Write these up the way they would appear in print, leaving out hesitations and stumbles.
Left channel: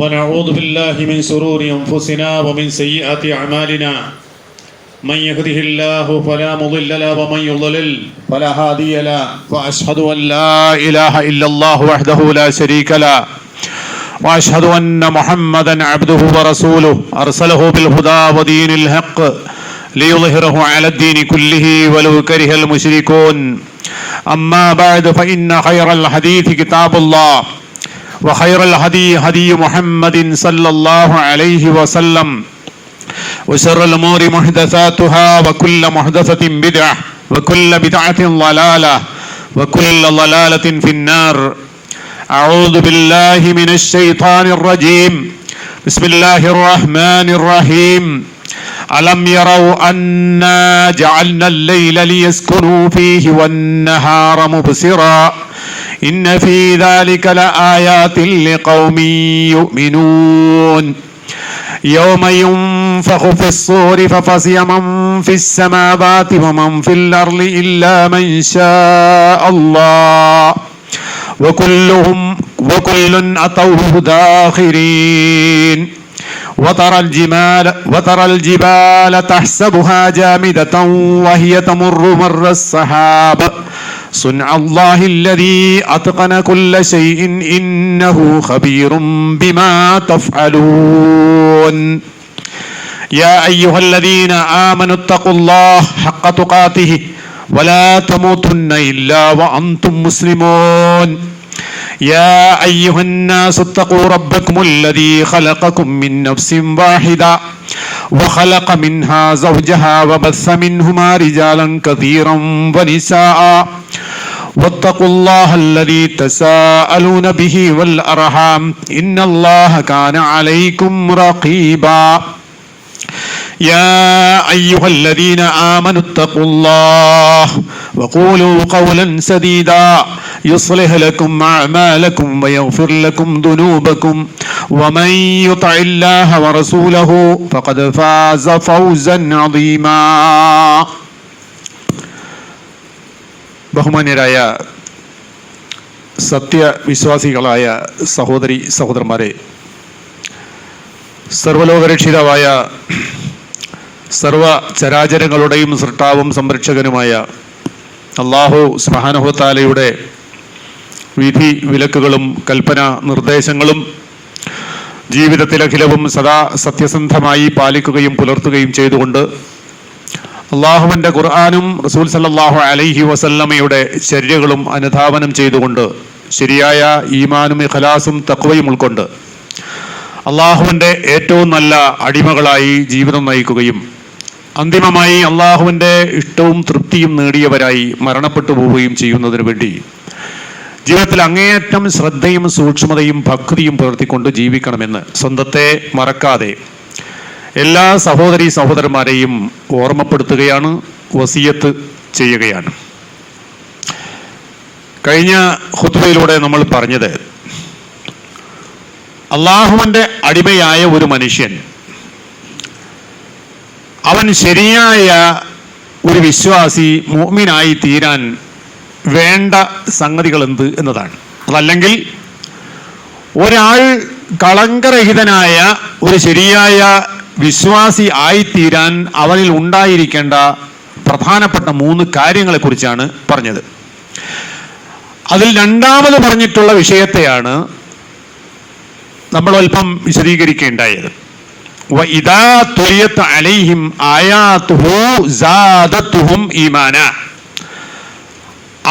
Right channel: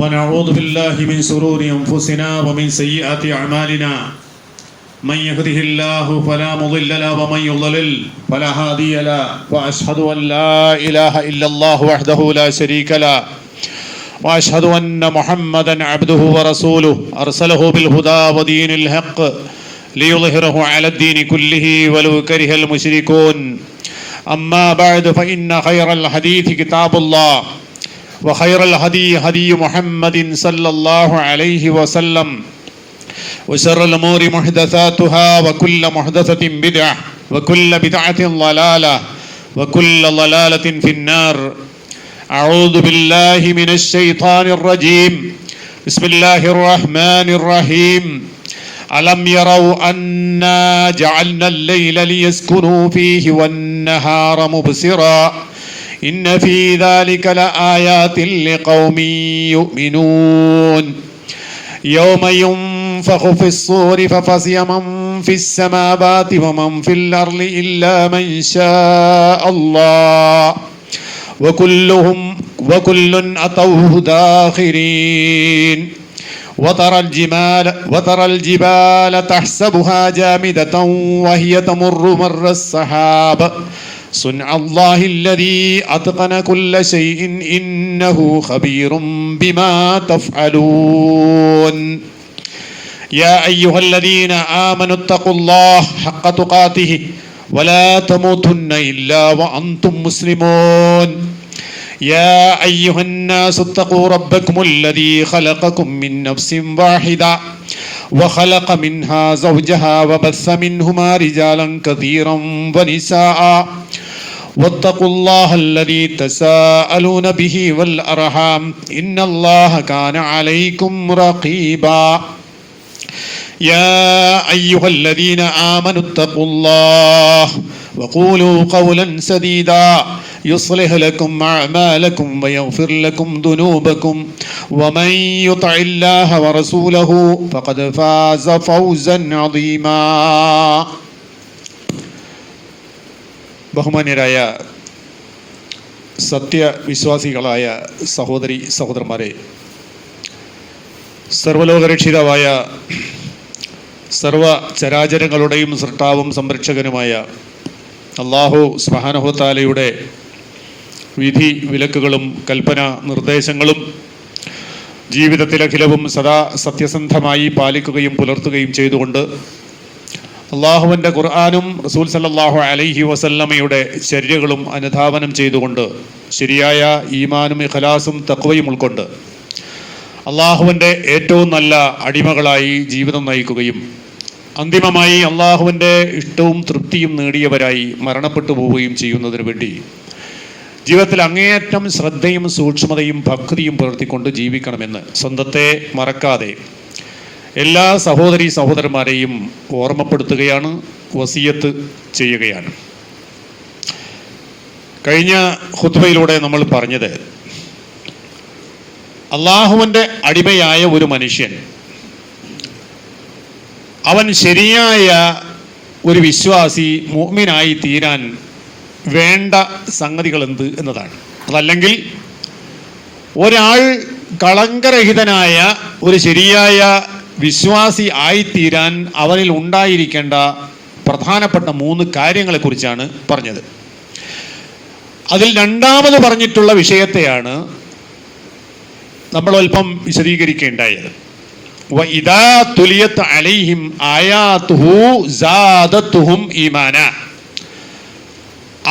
ونعوذ بالله من شرور أنفسنا ومن سيئات أعمالنا من يهده الله فلا مضل له ومن يضلل فلا هادي له وأشهد أن لا إله إلا الله وحده لا شريك له وأشهد أن محمدا عبده ورسوله أرسله بالهدى ودين الحق ليظهره على الدين كله ولو كره المشركون أما بعد فإن خير الحديث كتاب الله وخير الهدي هدي محمد صلى الله عليه وسلم وشر الأمور محدثاتها وكل محدثة بدعة وكل بدعة ضلالة وكل ضلالة في النار. أعوذ بالله من الشيطان الرجيم. بسم الله الرحمن الرحيم. ألم يروا أنا جعلنا الليل ليسكنوا فيه والنهار مبصرا إن في ذلك لآيات لقوم يؤمنون. يوم ينفخ في الصور ففزع من في السماوات ومن في الأرض إلا من شاء الله وكل أتوه داخرين. وترى الجبال تحسبها جامدة وهي تمر مر السحاب صنع الله الذي أتقن كل شيء إنه خبير بما تفعلون. يا أيها الذين آمنوا اتقوا الله حق تقاته ولا تموتن إلا وأنتم مسلمون. يا أيها الناس اتقوا ربكم الذي خلقكم من نفس واحدة وخلق منها زوجها وبث منهما رجالا كثيرا ونساء واتقوا الله الذي تساءلون به والأرحام إن الله كان عليكم رقيبا. يا أيها الذين آمنوا اتقوا الله وقولوا قولا سديدا يصلح لكم أعمالكم ويغفر لكم ذنوبكم ومن يطع الله ورسوله فقد فاز فوزا عظيما. ബഹുമാന്യരായ സത്യവിശ്വാസികളായ സഹോദരി സഹോദരന്മാരെ, സർവലോകരക്ഷിതാവായ സർവ ചരാചരങ്ങളുടെയും സൃഷ്ടാവും സംരക്ഷകനുമായ അല്ലാഹു സുബ്ഹാനഹു വ തആലയുടെ വിധി വിലക്കുകളും കൽപ്പന നിർദ്ദേശങ്ങളും ജീവിതത്തിലഖിലവും സദാ സത്യസന്ധമായി പാലിക്കുകയും പുലർത്തുകയും ചെയ്തുകൊണ്ട് അള്ളാഹുവിൻ്റെ ഖുർആനും റസൂൽ സല്ലല്ലാഹു അലൈഹി വസല്ലമയുടെ ചര്യകളും അനുധാവനം ചെയ്തുകൊണ്ട് ശരിയായ ഈമാനും ഇഖ്ലാസും തഖ്വയും ഉൾക്കൊണ്ട് അള്ളാഹുവിൻ്റെ ഏറ്റവും നല്ല അടിമകളായി ജീവിതം നയിക്കുകയും അന്തിമമായി അള്ളാഹുവിൻ്റെ ഇഷ്ടവും തൃപ്തിയും നേടിയവരായി മരണപ്പെട്ടു പോവുകയും ചെയ്യുന്നതിന് വേണ്ടി ജീവിതത്തിൽ അങ്ങേയറ്റം ശ്രദ്ധയും സൂക്ഷ്മതയും ഭക്തിയും പുലർത്തിക്കൊണ്ട് ജീവിക്കണമെന്ന് സ്വന്തത്തെ മറക്കാതെ എല്ലാ സഹോദരീ സഹോദരന്മാരെയും ഓർമ്മപ്പെടുത്തുകയാണ്, വസിയത്ത് ചെയ്യുകയാണ്. കഴിഞ്ഞ ഖുത്ബയിലൂടെ നമ്മൾ പറഞ്ഞത്, അള്ളാഹുവിൻ്റെ അടിമയായ ഒരു മനുഷ്യൻ അവൻ ശരിയായ ഒരു വിശ്വാസി മുഅ്മിനായി തീരാൻ വേണ്ട സംഗതികൾ എന്ത് എന്നതാണ്. അതല്ലെങ്കിൽ ഒരാൾ കളങ്കരഹിതനായ ഒരു ശരിയായ വിശ്വാസി ആയിത്തീരാൻ അവനിൽ ഉണ്ടായിരിക്കേണ്ട പ്രധാനപ്പെട്ട 3 കാര്യങ്ങളെക്കുറിച്ചാണ് പറഞ്ഞത്. അതിൽ രണ്ടാമത് പറഞ്ഞിട്ടുള്ള വിഷയത്തെയാണ് നമ്മൾ അല്പം വിശദീകരിക്കേണ്ടായത്. വഇദാ തുലിയത് അലൈഹിം ആയാതുഹു സാദത്തുഹും ഈമാന.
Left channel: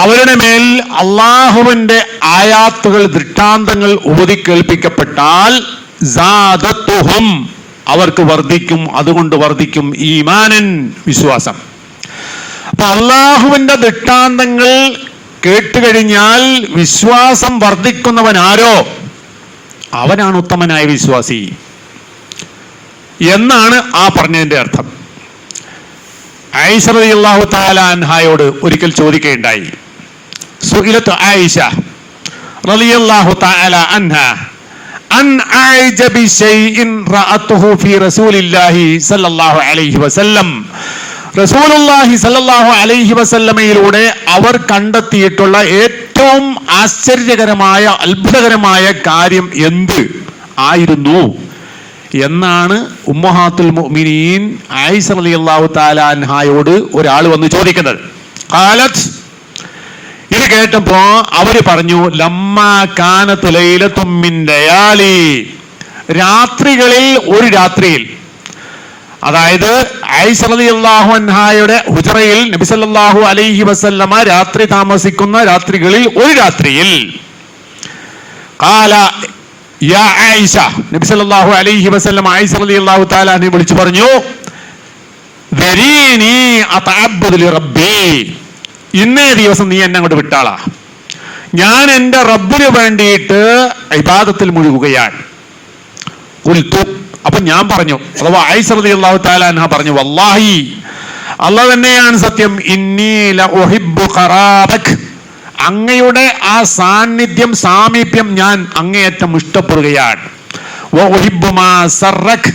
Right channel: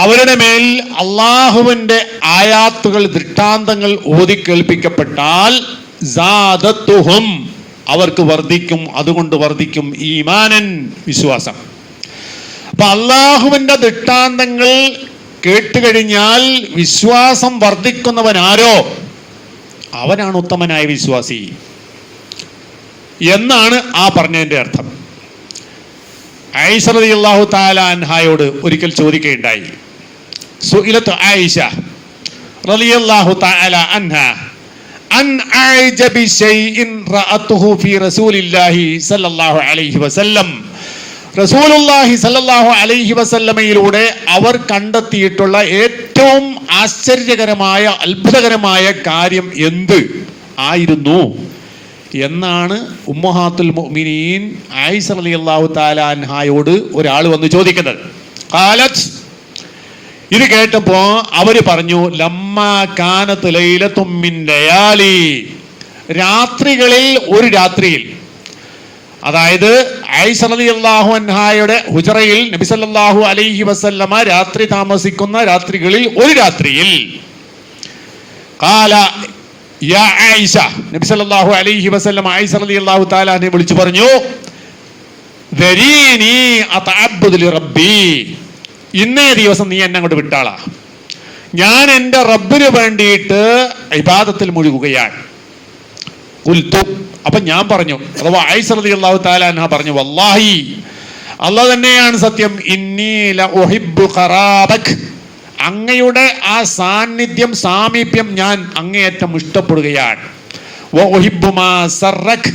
അവരുടെ മേൽ അള്ളാഹുവിൻ്റെ ആയാത്തുകൾ, ദൃഷ്ടാന്തങ്ങൾ ഓതിക്കേൾപ്പിക്കപ്പെട്ടാൽ സാദത്തുഹും അവർക്ക് വർദ്ധിക്കും, അതുകൊണ്ട് വർദ്ധിക്കും ഈമാനൻ വിശ്വാസം. അപ്പൊ അള്ളാഹുവിൻ്റെ ദൃഷ്ടാന്തങ്ങൾ കേട്ടുകഴിഞ്ഞാൽ വിശ്വാസം വർദ്ധിക്കുന്നവനാരോ അവനാണ് ഉത്തമനായ വിശ്വാസി എന്നാണ് ആ പറഞ്ഞതിൻ്റെ അർത്ഥം. ആയിഷ റളിയല്ലാഹു തആല അൻഹായോട് ഒരിക്കൽ ചോദിക്കുകയുണ്ടായി. സുഇലത്ത് ആയിഷ റളിയല്ലാഹു തആല അൻഹാ അൻ അഅജബി ശൈഇൻ റഅതുഹു ഫി റസൂലില്ലാഹി സ്വല്ലല്ലാഹു അലൈഹി വസല്ലം. റസൂലുള്ളാഹി സ്വല്ലല്ലാഹു അലൈഹി വസല്ലമയിലൂടെ അവർ കണ്ടെത്തിയിട്ടുള്ള ഏറ്റവും ആശ്ചര്യകരമായ അത്ഭുതകരമായ കാര്യം എന്ത്? ആയിരുന്നു എന്നാണ് ഉമ്മഹാത്തുൽ മുഅ്മിനീൻ ആയിഷ റളിയല്ലാഹു തആല അൻഹായോട് ഒരാൾ വന്ന് ചോദിക്കുന്നത്. ഖാലത്ത്, ഇത് കേട്ടപ്പോ അവര് പറഞ്ഞു, ലമ്മാ കാനത്ത് ലൈലത്തും മിൻ ലയാലി, രാത്രികളിൽ ഒരു രാത്രിയിൽ, അതായത് ആയിഷ റളിയല്ലാഹു അൻഹായുടെ ഹുജറയിൽ നബി സല്ലല്ലാഹു അലൈഹി വസല്ലമ രാത്രി താമസിക്കുന്ന രാത്രികളിൽ ഒരു രാത്രിയിൽ, ഖാല യാ ആയിഷ, നബി സല്ലല്ലാഹു അലൈഹി വസല്ലം ആയിഷ റളിയല്ലാഹു തആല അൻഹയെ വിളിച്ചു പറഞ്ഞു, ദരീനി അതഅബ്ബുദു ലിറബ്ബി, ഇന്നേ ദിവസം നീ എന്നെ അങ്ങോട്ട് വിട്ടാളാ, ഞാൻ എൻ്റെ റബ്ബിന് വേണ്ടിയിട്ട് ഇബാദത്തിൽ മുഴുകുകയാണ്. ഖുൽതു, അപ്പൊ ഞാൻ പറഞ്ഞു, അഥവാ ആയിഷ റളിയല്ലാഹു തആല അൻഹ പറഞ്ഞു, വല്ലാഹി, അല്ലാഹ് തന്നെയാണ് സത്യം, ഇന്നി ലഉഹിബ്ബു ഖറാബക്, അങ്ങയുടെ ആ സാന്നിധ്യം സാമീപ്യം ഞാൻ അങ്ങേയറ്റം ഇഷ്ടപ്പെടുകയാണ്. വഉഹിബ്ബു മാ സറക്,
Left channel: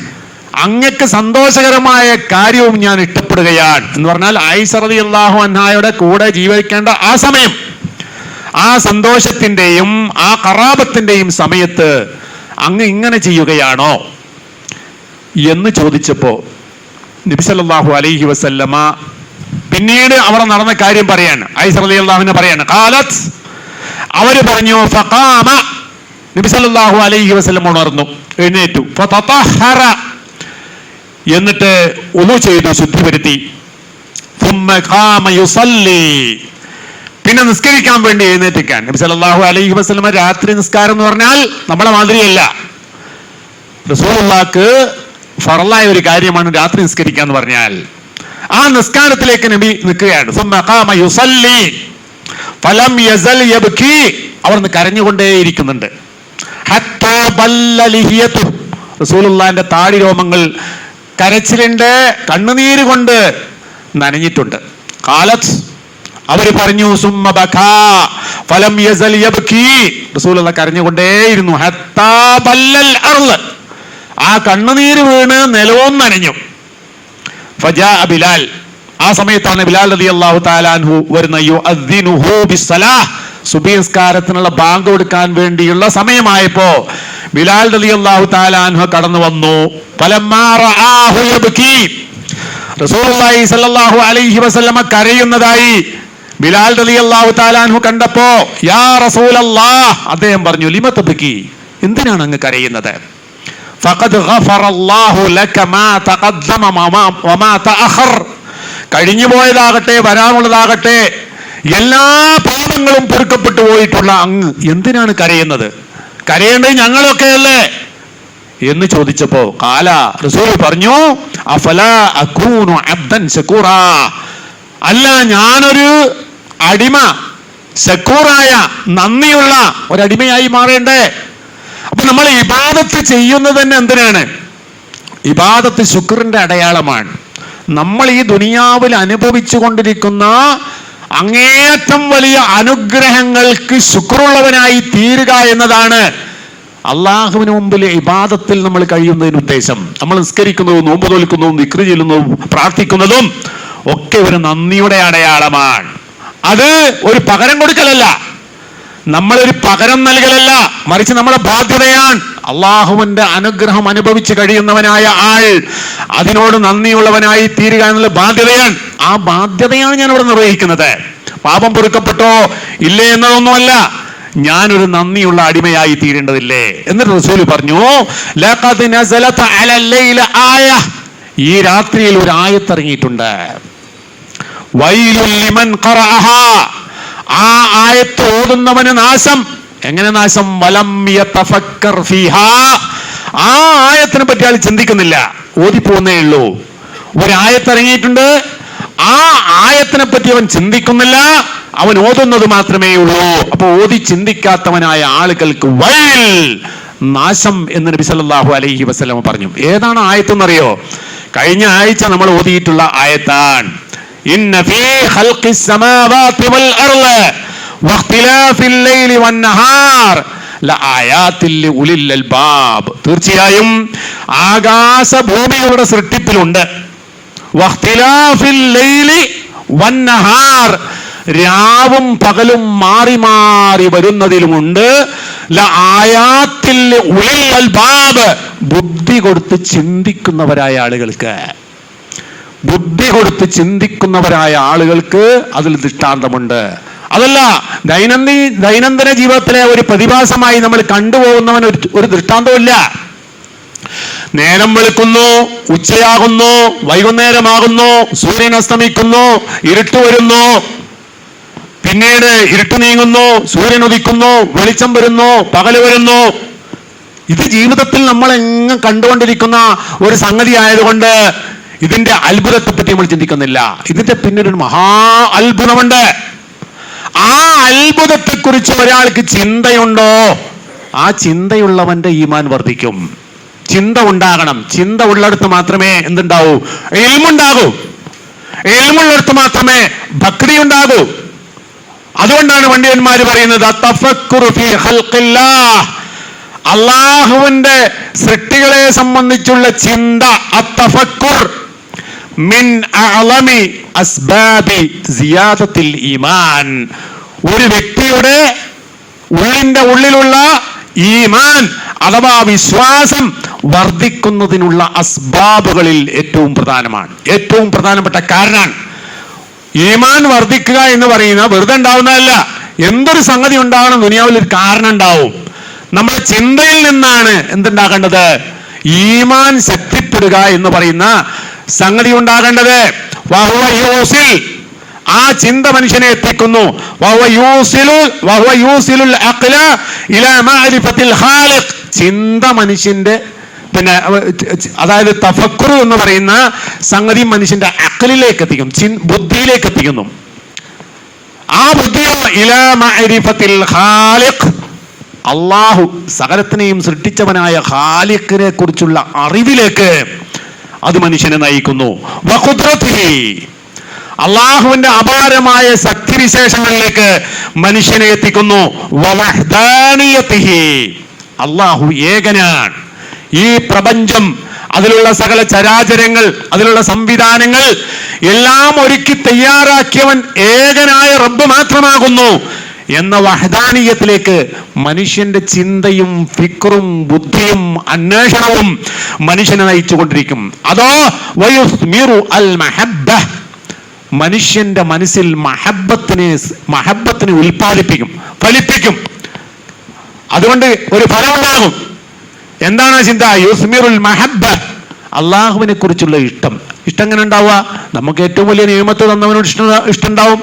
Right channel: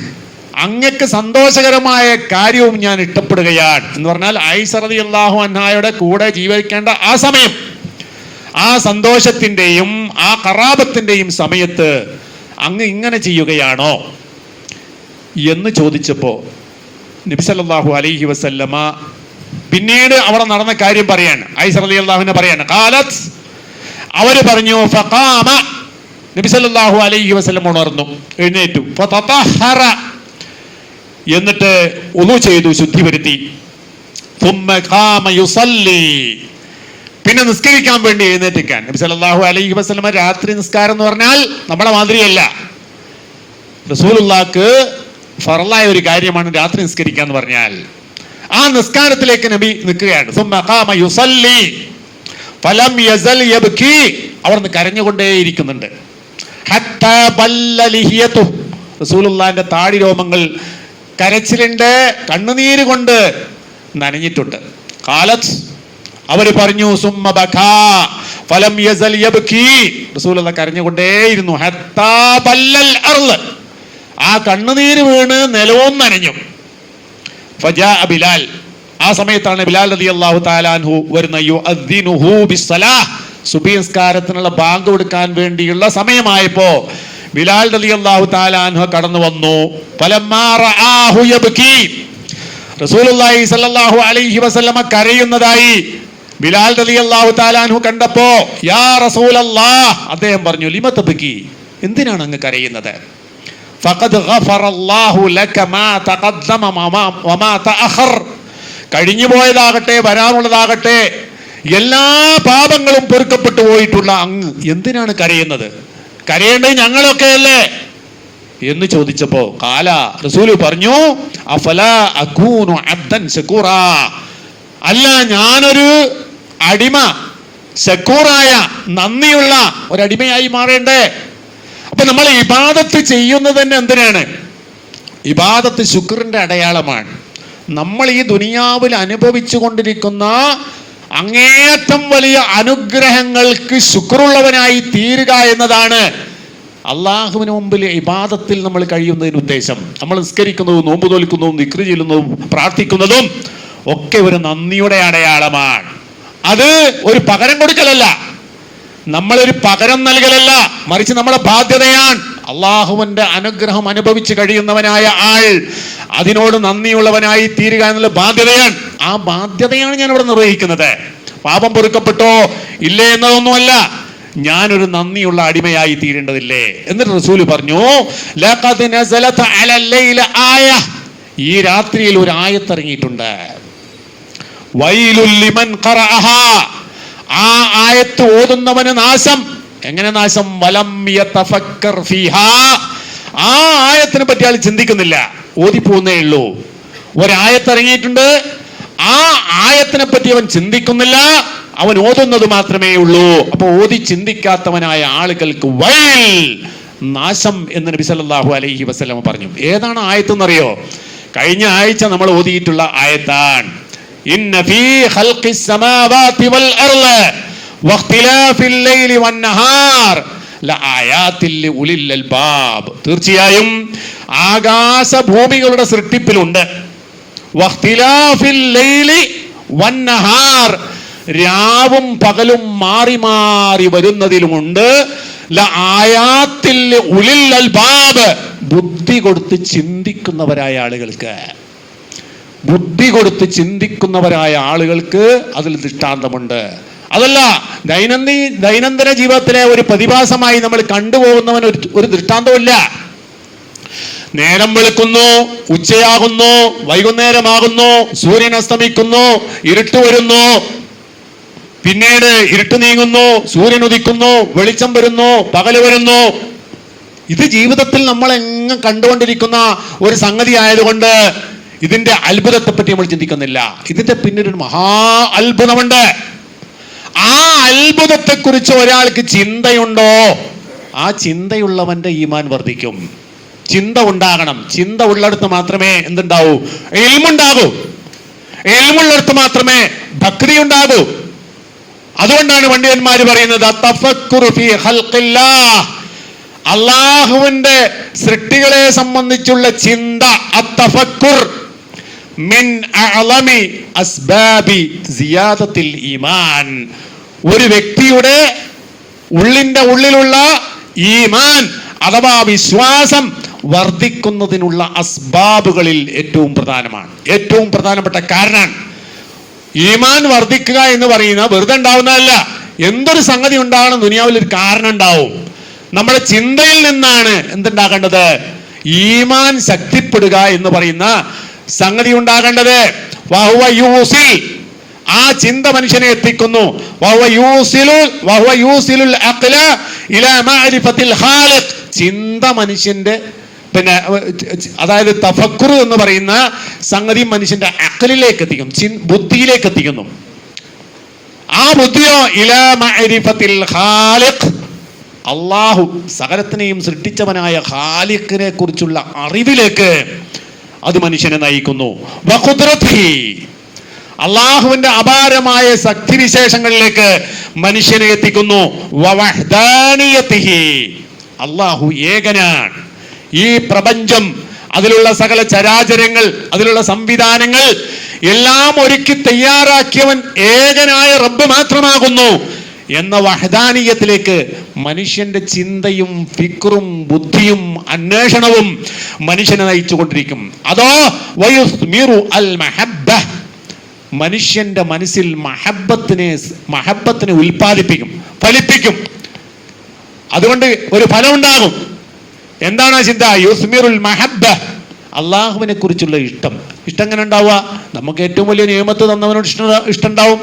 അങ്ങക്ക് സന്തോഷകരമായ കാര്യവും ഞാൻ ഇഷ്ടപ്പെടുകയാണ് എന്ന് പറഞ്ഞാൽ ആയിഷ റളിയല്ലാഹു അൻഹയുടെ കൂടെ ജീവിക്കേണ്ട ആ സമയം, ആ സന്തോഷത്തിന്റെയും ആ ഖറാബത്തിന്റെയും സമയത്ത് അങ്ങ് ഇങ്ങനെ ചെയ്യുകയാണോ എന്ന് ചോദിച്ചപ്പോ നബി സല്ലല്ലാഹു അലൈഹി വസല്ലമ പിന്നീട് അവർ നടന്ന കാര്യം പറയാണ്. ആയിഷ റളിയല്ലാഹു പറയാണ്, ഖാലത്ത്, അവര് പറഞ്ഞു, ഫഖാമ, നബി സല്ലല്ലാഹു അലൈഹി വസല്ലം ഉണർന്നു, എഴുന്നേറ്റു, ഫതതഹറ, എന്നിട്ട് ഉളു ചെയ്തു, ശുദ്ധി വരുത്തി, ثم قام يصلي, പിന്നെ നിസ്കരിക്കാൻ വേണ്ടി എഴുന്നേറ്റിക്കാൻ. നബി സല്ലല്ലാഹു അലൈഹി വസല്ലം രാത്രി നിസ്കാരം എന്ന് പറഞ്ഞാൽ നമ്മളെ മാതിരിയല്ല, റസൂലുള്ളാഹിക്ക് ഫർളായ ഒരു കാര്യമാണ് രാത്രി നിസ്കരിക്കുക എന്ന് പറഞ്ഞാൽ. ആ നിസ്കാരത്തിലേക്ക് നബി നിൽക്കുകയാണ്. ثم قام يصلي فلم يزل يبكي, അവർ കരഞ്ഞുകൊണ്ടേയിരിക്കുന്നുണ്ട്. حتى بل لحيته, റസൂലുള്ളാഹിന്റെ താടി രോമങ്ങൾ കരച്ചിലിന്റെ കണ്ണുനീര് കൊണ്ട് നനഞ്ഞിട്ടുണ്ട്. ഖാലത്ത്, അവര് പറഞ്ഞു, സുമ്മ ബകാ ഫലം യസൽ യബ്കി, റസൂലുള്ളാഹി കരഞ്ഞുകൊണ്ടേയിരുന്നു. ഹത്താ ബല്ലൽ അർള്, ആ കണ്ണുനീര് വീണ് നിലവും നനഞ്ഞു. ഫജാ ബിലാൽ, ആ സമയത്താണ് ബിലാൽ റളിയല്ലാഹു തആല അൻഹു വരുന്ന. യുഅദ്ദിനുഹു ബിസ്സലാഹ്, സുബ്ഹി നിസ്കാരത്തിനുള്ള ബാങ്ക് കൊടുക്കാൻ വേണ്ടിയുള്ള സമയമായപ്പോ ബിലാൽ റളിയല്ലാഹു തആല അൻഹു കടന്നു വന്നു. ഫലമ്മാ റആഹു യബ്കി, റസൂലുള്ളാഹി സ്വല്ലല്ലാഹു അലൈഹി വസല്ലമ കരയുന്നതായി ബിലാൽ റളിയല്ലാഹു തആല അൻഹു കണ്ടപ്പോ, യാ റസൂലല്ലാഹ്, അദ്ദേഹം പറഞ്ഞു, ലിമ തബ്കി, എന്തിനാണ് അങ്ങ് കരയുന്നത്? ഫഖദ് ഗഫറല്ലാഹു ലക മാ തഖദ്ദമ വമാ തഅഖർ, കഴിഞ്ഞു പോയതാകട്ടെ വരാനുള്ളതാകട്ടെ എല്ലാ പാപങ്ങളും പൊറുക്കപ്പെട്ടു പോയിട്ടുള്ള അങ്ങ് എന്തിനാണ് കരയുന്നത്? കരയേണ്ടത് ഞങ്ങളൊക്കെയല്ലേ എന്ന് ചോദിച്ചപ്പോ ഖാല, റസൂൽ പറഞ്ഞു, അഫലാ അകൂനു അബ്ദൻ ശകൂറാ, അല്ല ഞാനൊരു അടിമ, ശക്കൂറായ നന്ദിയുള്ള ഒരടിമയായി മാറേണ്ടേ? അപ്പൊ നമ്മൾ ഇബാദത്ത് ചെയ്യുന്നത് തന്നെ എന്തിനാണ്? ഇബാദത്ത് ശുക്റിന്റെ അടയാളമാണ്. നമ്മൾ ഈ ദുനിയാവിൽ അനുഭവിച്ചു കൊണ്ടിരിക്കുന്ന അങ്ങേയറ്റം വലിയ അനുഗ്രഹങ്ങൾക്ക് ശുക്റുള്ളവനായി തീരുക എന്നതാണ് അള്ളാഹുവിന് മുമ്പിൽ ഇബാദത്തിൽ നമ്മൾ കഴിയുന്നതിന് ഉദ്ദേശം. നമ്മൾ നിസ്കരിക്കുന്നതും നോമ്പ് തോൽക്കുന്നതും ദിക്ർ ചെല്ലുന്നതും പ്രാർത്ഥിക്കുന്നതും ഒക്കെ ഒരു നന്ദിയുടെ അടയാളമാണ്. അത് ഒരു പകരം കൊടുക്കലല്ല, നമ്മളൊരു പകരം നൽകലല്ല, മറിച്ച് നമ്മുടെ ബാധ്യതയാണ്. അള്ളാഹുവിന്റെ അനുഗ്രഹം അനുഭവിച്ച് കഴിയുന്നവനായ ആൾ അതിനോട് നന്ദിയുള്ളവനായി തീരുക എന്നുള്ള ബാധ്യതയാണ്. ആ ബാധ്യതയാണ് ഞാൻ ഇവിടെ നിർവഹിക്കുന്നത്. പാപം പൊറുക്കപ്പെട്ടോ ഇല്ലേ എന്നതൊന്നുമല്ല, ഞാനൊരു നന്ദിയുള്ള അടിമയായി തീരേണ്ടതില്ലേ. എന്നിട്ട് റസൂൽ പറഞ്ഞു, ലഖദ് നസലത അലൽ ലൈല ആയ, ഈ രാത്രിയിൽ ഒരു ആയത്ത് ഇറങ്ങിയിട്ടുണ്ട്. വൈലുൽ ലിമൻ ഖറഅഹാ, ആ ആയത്ത് ഓതുന്നവന് നാശം. എങ്ങനെ നാശം? വലം യതഫക്കർ ഫീഹാ, ആ ആയത്തിനെ പറ്റി ആൾ ചിന്തിക്കുന്നില്ല, ഓതിപ്പോന്നേ ഉള്ളൂ. ഒരായത്ത് ഇറങ്ങിയിട്ടുണ്ട്, ആ ആയത്തിനെ പറ്റി അവൻ ചിന്തിക്കുന്നില്ല, അവൻ ഓതുന്നത് മാത്രമേ ഉള്ളൂ. അപ്പൊ ഓതി ചിന്തിക്കാത്തവനായ ആളുകൾക്ക് വൈൽ, നാശം എന്ന് നബി സല്ലല്ലാഹു അലൈഹി വസല്ലം പറഞ്ഞു. ഏതാണ് ആയത്തെന്നറിയോ? കഴിഞ്ഞ ആഴ്ച നമ്മൾ ഓതിയിട്ടുള്ള ആയത്താണ്. ഇന്ന ഫീ ഖൽഖിസ് സമാവാതി വൽ അർള് വഖ്തിലാഫിൽ ലൈലി വൻ നഹാർ ലആയാതിൽ ലിഉലിൽ അൽബാബ്, തീർച്ചയായും ആകാശഭൂമികളുടെ സൃഷ്ടിപ്പിലുണ്ട്. വഖ്തിലാഫിൽ ലൈലി വൻ നഹാർ, രാവും പകലും മാറി മാറി വരുന്നതിലുമുണ്ട്. ലആയാത്, ജീവിതത്തിൽ ഉലിൽ അൽബാബ്, ബുദ്ധി കൊടുത്ത് ചിന്തിക്കുന്നവരായ ആളുകൾക്ക്, ബുദ്ധി കൊടുത്ത് ചിന്തിക്കുന്നവരായ ആളുകൾക്ക് അതിൽ ദൃഷ്ടാന്തമുണ്ട്. അതല്ല ദൈനംദിന ജീവിതത്തിലെ ഒരു പ്രതിഭാസമായി നമ്മൾ കണ്ടുപോകുന്നവൻ ഒരു ദൃഷ്ടാന്തമില്ല. നേരം വെളുക്കുന്നു, ഉച്ചയാകുന്നു, വൈകുന്നേരമാകുന്നു, സൂര്യൻ അസ്തമിക്കുന്നു, ഇരുട്ട് വരുന്നു, പിന്നീട് ഇരുട്ട് നീങ്ങുന്നു, സൂര്യൻ ഉദിക്കുന്നു, വെളിച്ചം വരുന്നു, പകല് വരുന്നു. ഇത് ജീവിതത്തിൽ നമ്മൾ എങ്ങും കണ്ടുകൊണ്ടിരിക്കുന്ന ഒരു സംഗതി ആയതുകൊണ്ട് ഇതിന്റെ അത്ഭുതത്തെ പറ്റി നമ്മൾ ചിന്തിക്കുന്നില്ല. ഇതിന്റെ പിന്നീട് മഹാ അത്ഭുതമുണ്ട്. ആ അത്ഭുതത്തെ കുറിച്ച് ഒരാൾക്ക് ചിന്തയുണ്ടോ, ആ ചിന്തയുള്ളവന്റെ ഈമാൻ വർദ്ധിക്കും. ചിന്ത ഉണ്ടാകണം. ചിന്ത ഉള്ളിടത്ത് മാത്രമേ എന്തുണ്ടാവൂ? ഇൽമുണ്ടാകൂ. ഇൽമുള്ളിടത്ത് മാത്രമേ ഭക്തി ഉണ്ടാകൂ. അതുകൊണ്ടാണ് പണ്ഡിതന്മാര് പറയുന്നത് തഫക്കുറു ഫീ ഖൽഖില്ലാഹ്, അല്ലാഹുവിന്റെ സൃഷ്ടികളെ സംബന്ധിച്ചുള്ള ചിന്ത, അത്തഫക്കുർ മിൻ അഅലമി അസ്ബാബി സിയാദത്തിൽ ഈമാൻ, ഒരു വ്യക്തിയുടെ ഉള്ളിലുള്ള ഈമാൻ അഥവാ വിശ്വാസം വർദ്ധിക്കുന്നതിനുള്ള അസ്ബാബുകളിൽ ഏറ്റവും പ്രധാനമാണ്, ഏറ്റവും പ്രധാനപ്പെട്ട കാരണമാണ്. ഈമാൻ വർദ്ധിക്കുക എന്ന് പറയുന്ന വെറുതെ ഉണ്ടാവുന്നതല്ല. എന്തൊരു സംഗതി ഉണ്ടാകണം, ദുനിയാവിൽ ഒരു കാരണം ഉണ്ടാവും. നമ്മുടെ ചിന്തയിൽ നിന്നാണ് എന്തുണ്ടാകേണ്ടത്? ഈമാൻ ശക്തിപ്പെടുക എന്ന് പറയുന്ന സംഗതി ഉണ്ടാകേണ്ടത്. ആ ചിന്ത മനുഷ്യനെ എത്തിക്കുന്നു. ചിന്ത മനുഷ്യന്റെ അതായത് തഫക്കുർ എന്ന് പറയുന്ന സംഗതി മനുഷ്യന്റെ അഖലിലേക്ക് എത്തിക്കും, ബുദ്ധിയിലേക്ക് എത്തിക്കുന്നു. ആ ബുദ്ധിയോ ഇലാ മഅരിഫത്തിൽ ഖാലിഖ്, അല്ലാഹു സകലത്തിനെയും സൃഷ്ടിച്ചവനായ ഖാലിഖിനെ കുറിച്ചുള്ള അറിവിലേക്ക് അത് മനുഷ്യനെ നയിക്കുന്നു. വഖുദ്റതിഹി, അല്ലാഹുവിന്റെ അപാരമായ ശക്തിവിശേഷങ്ങളിലേക്ക് മനുഷ്യനെ എത്തിക്കുന്നു. വവഹ്ദാനിയതിഹി, അല്ലാഹു ഏകനാണ്. ഈ പ്രപഞ്ചം, അതിലുള്ള സകല ചരാചരങ്ങൾ, അതിലുള്ള സംവിധാനങ്ങൾ എല്ലാം ഒരുക്കി തയ്യാറാക്കിയവൻ ഏകനായ റബ്ബ് മാത്രമാകുന്നു എന്ന വഹദാനിയത്തിലേക്ക് മനുഷ്യന്റെ ചിന്തയും ഫിക്റും ബുദ്ധിയും അന്വേഷണവും മനുഷ്യനെ നയിച്ചുകൊണ്ടിരിക്കും. അതോ വയുസ്മിറു അൽ മഹബ്ബ, മനുഷ്യന്റെ മനസ്സിൽ മഹബ്ബത്തിനെ ഉൽപ്പാദിപ്പിക്കും, ഫലിപ്പിക്കും. അതുകൊണ്ട് ഒരു ഫലം ഉണ്ടാകും. എന്താണ് ചിന്ത? യുസ്മിറുൽ മഹബ്ബ, അള്ളാഹുവിനെ കുറിച്ചുള്ള ഇഷ്ടം. ഇഷ്ടം എങ്ങനെ ഉണ്ടാവുക? നമുക്ക് ഏറ്റവും വലിയ നിയമത്ത് തന്നവനോട് ഇഷ്ടം ഉണ്ടാവും.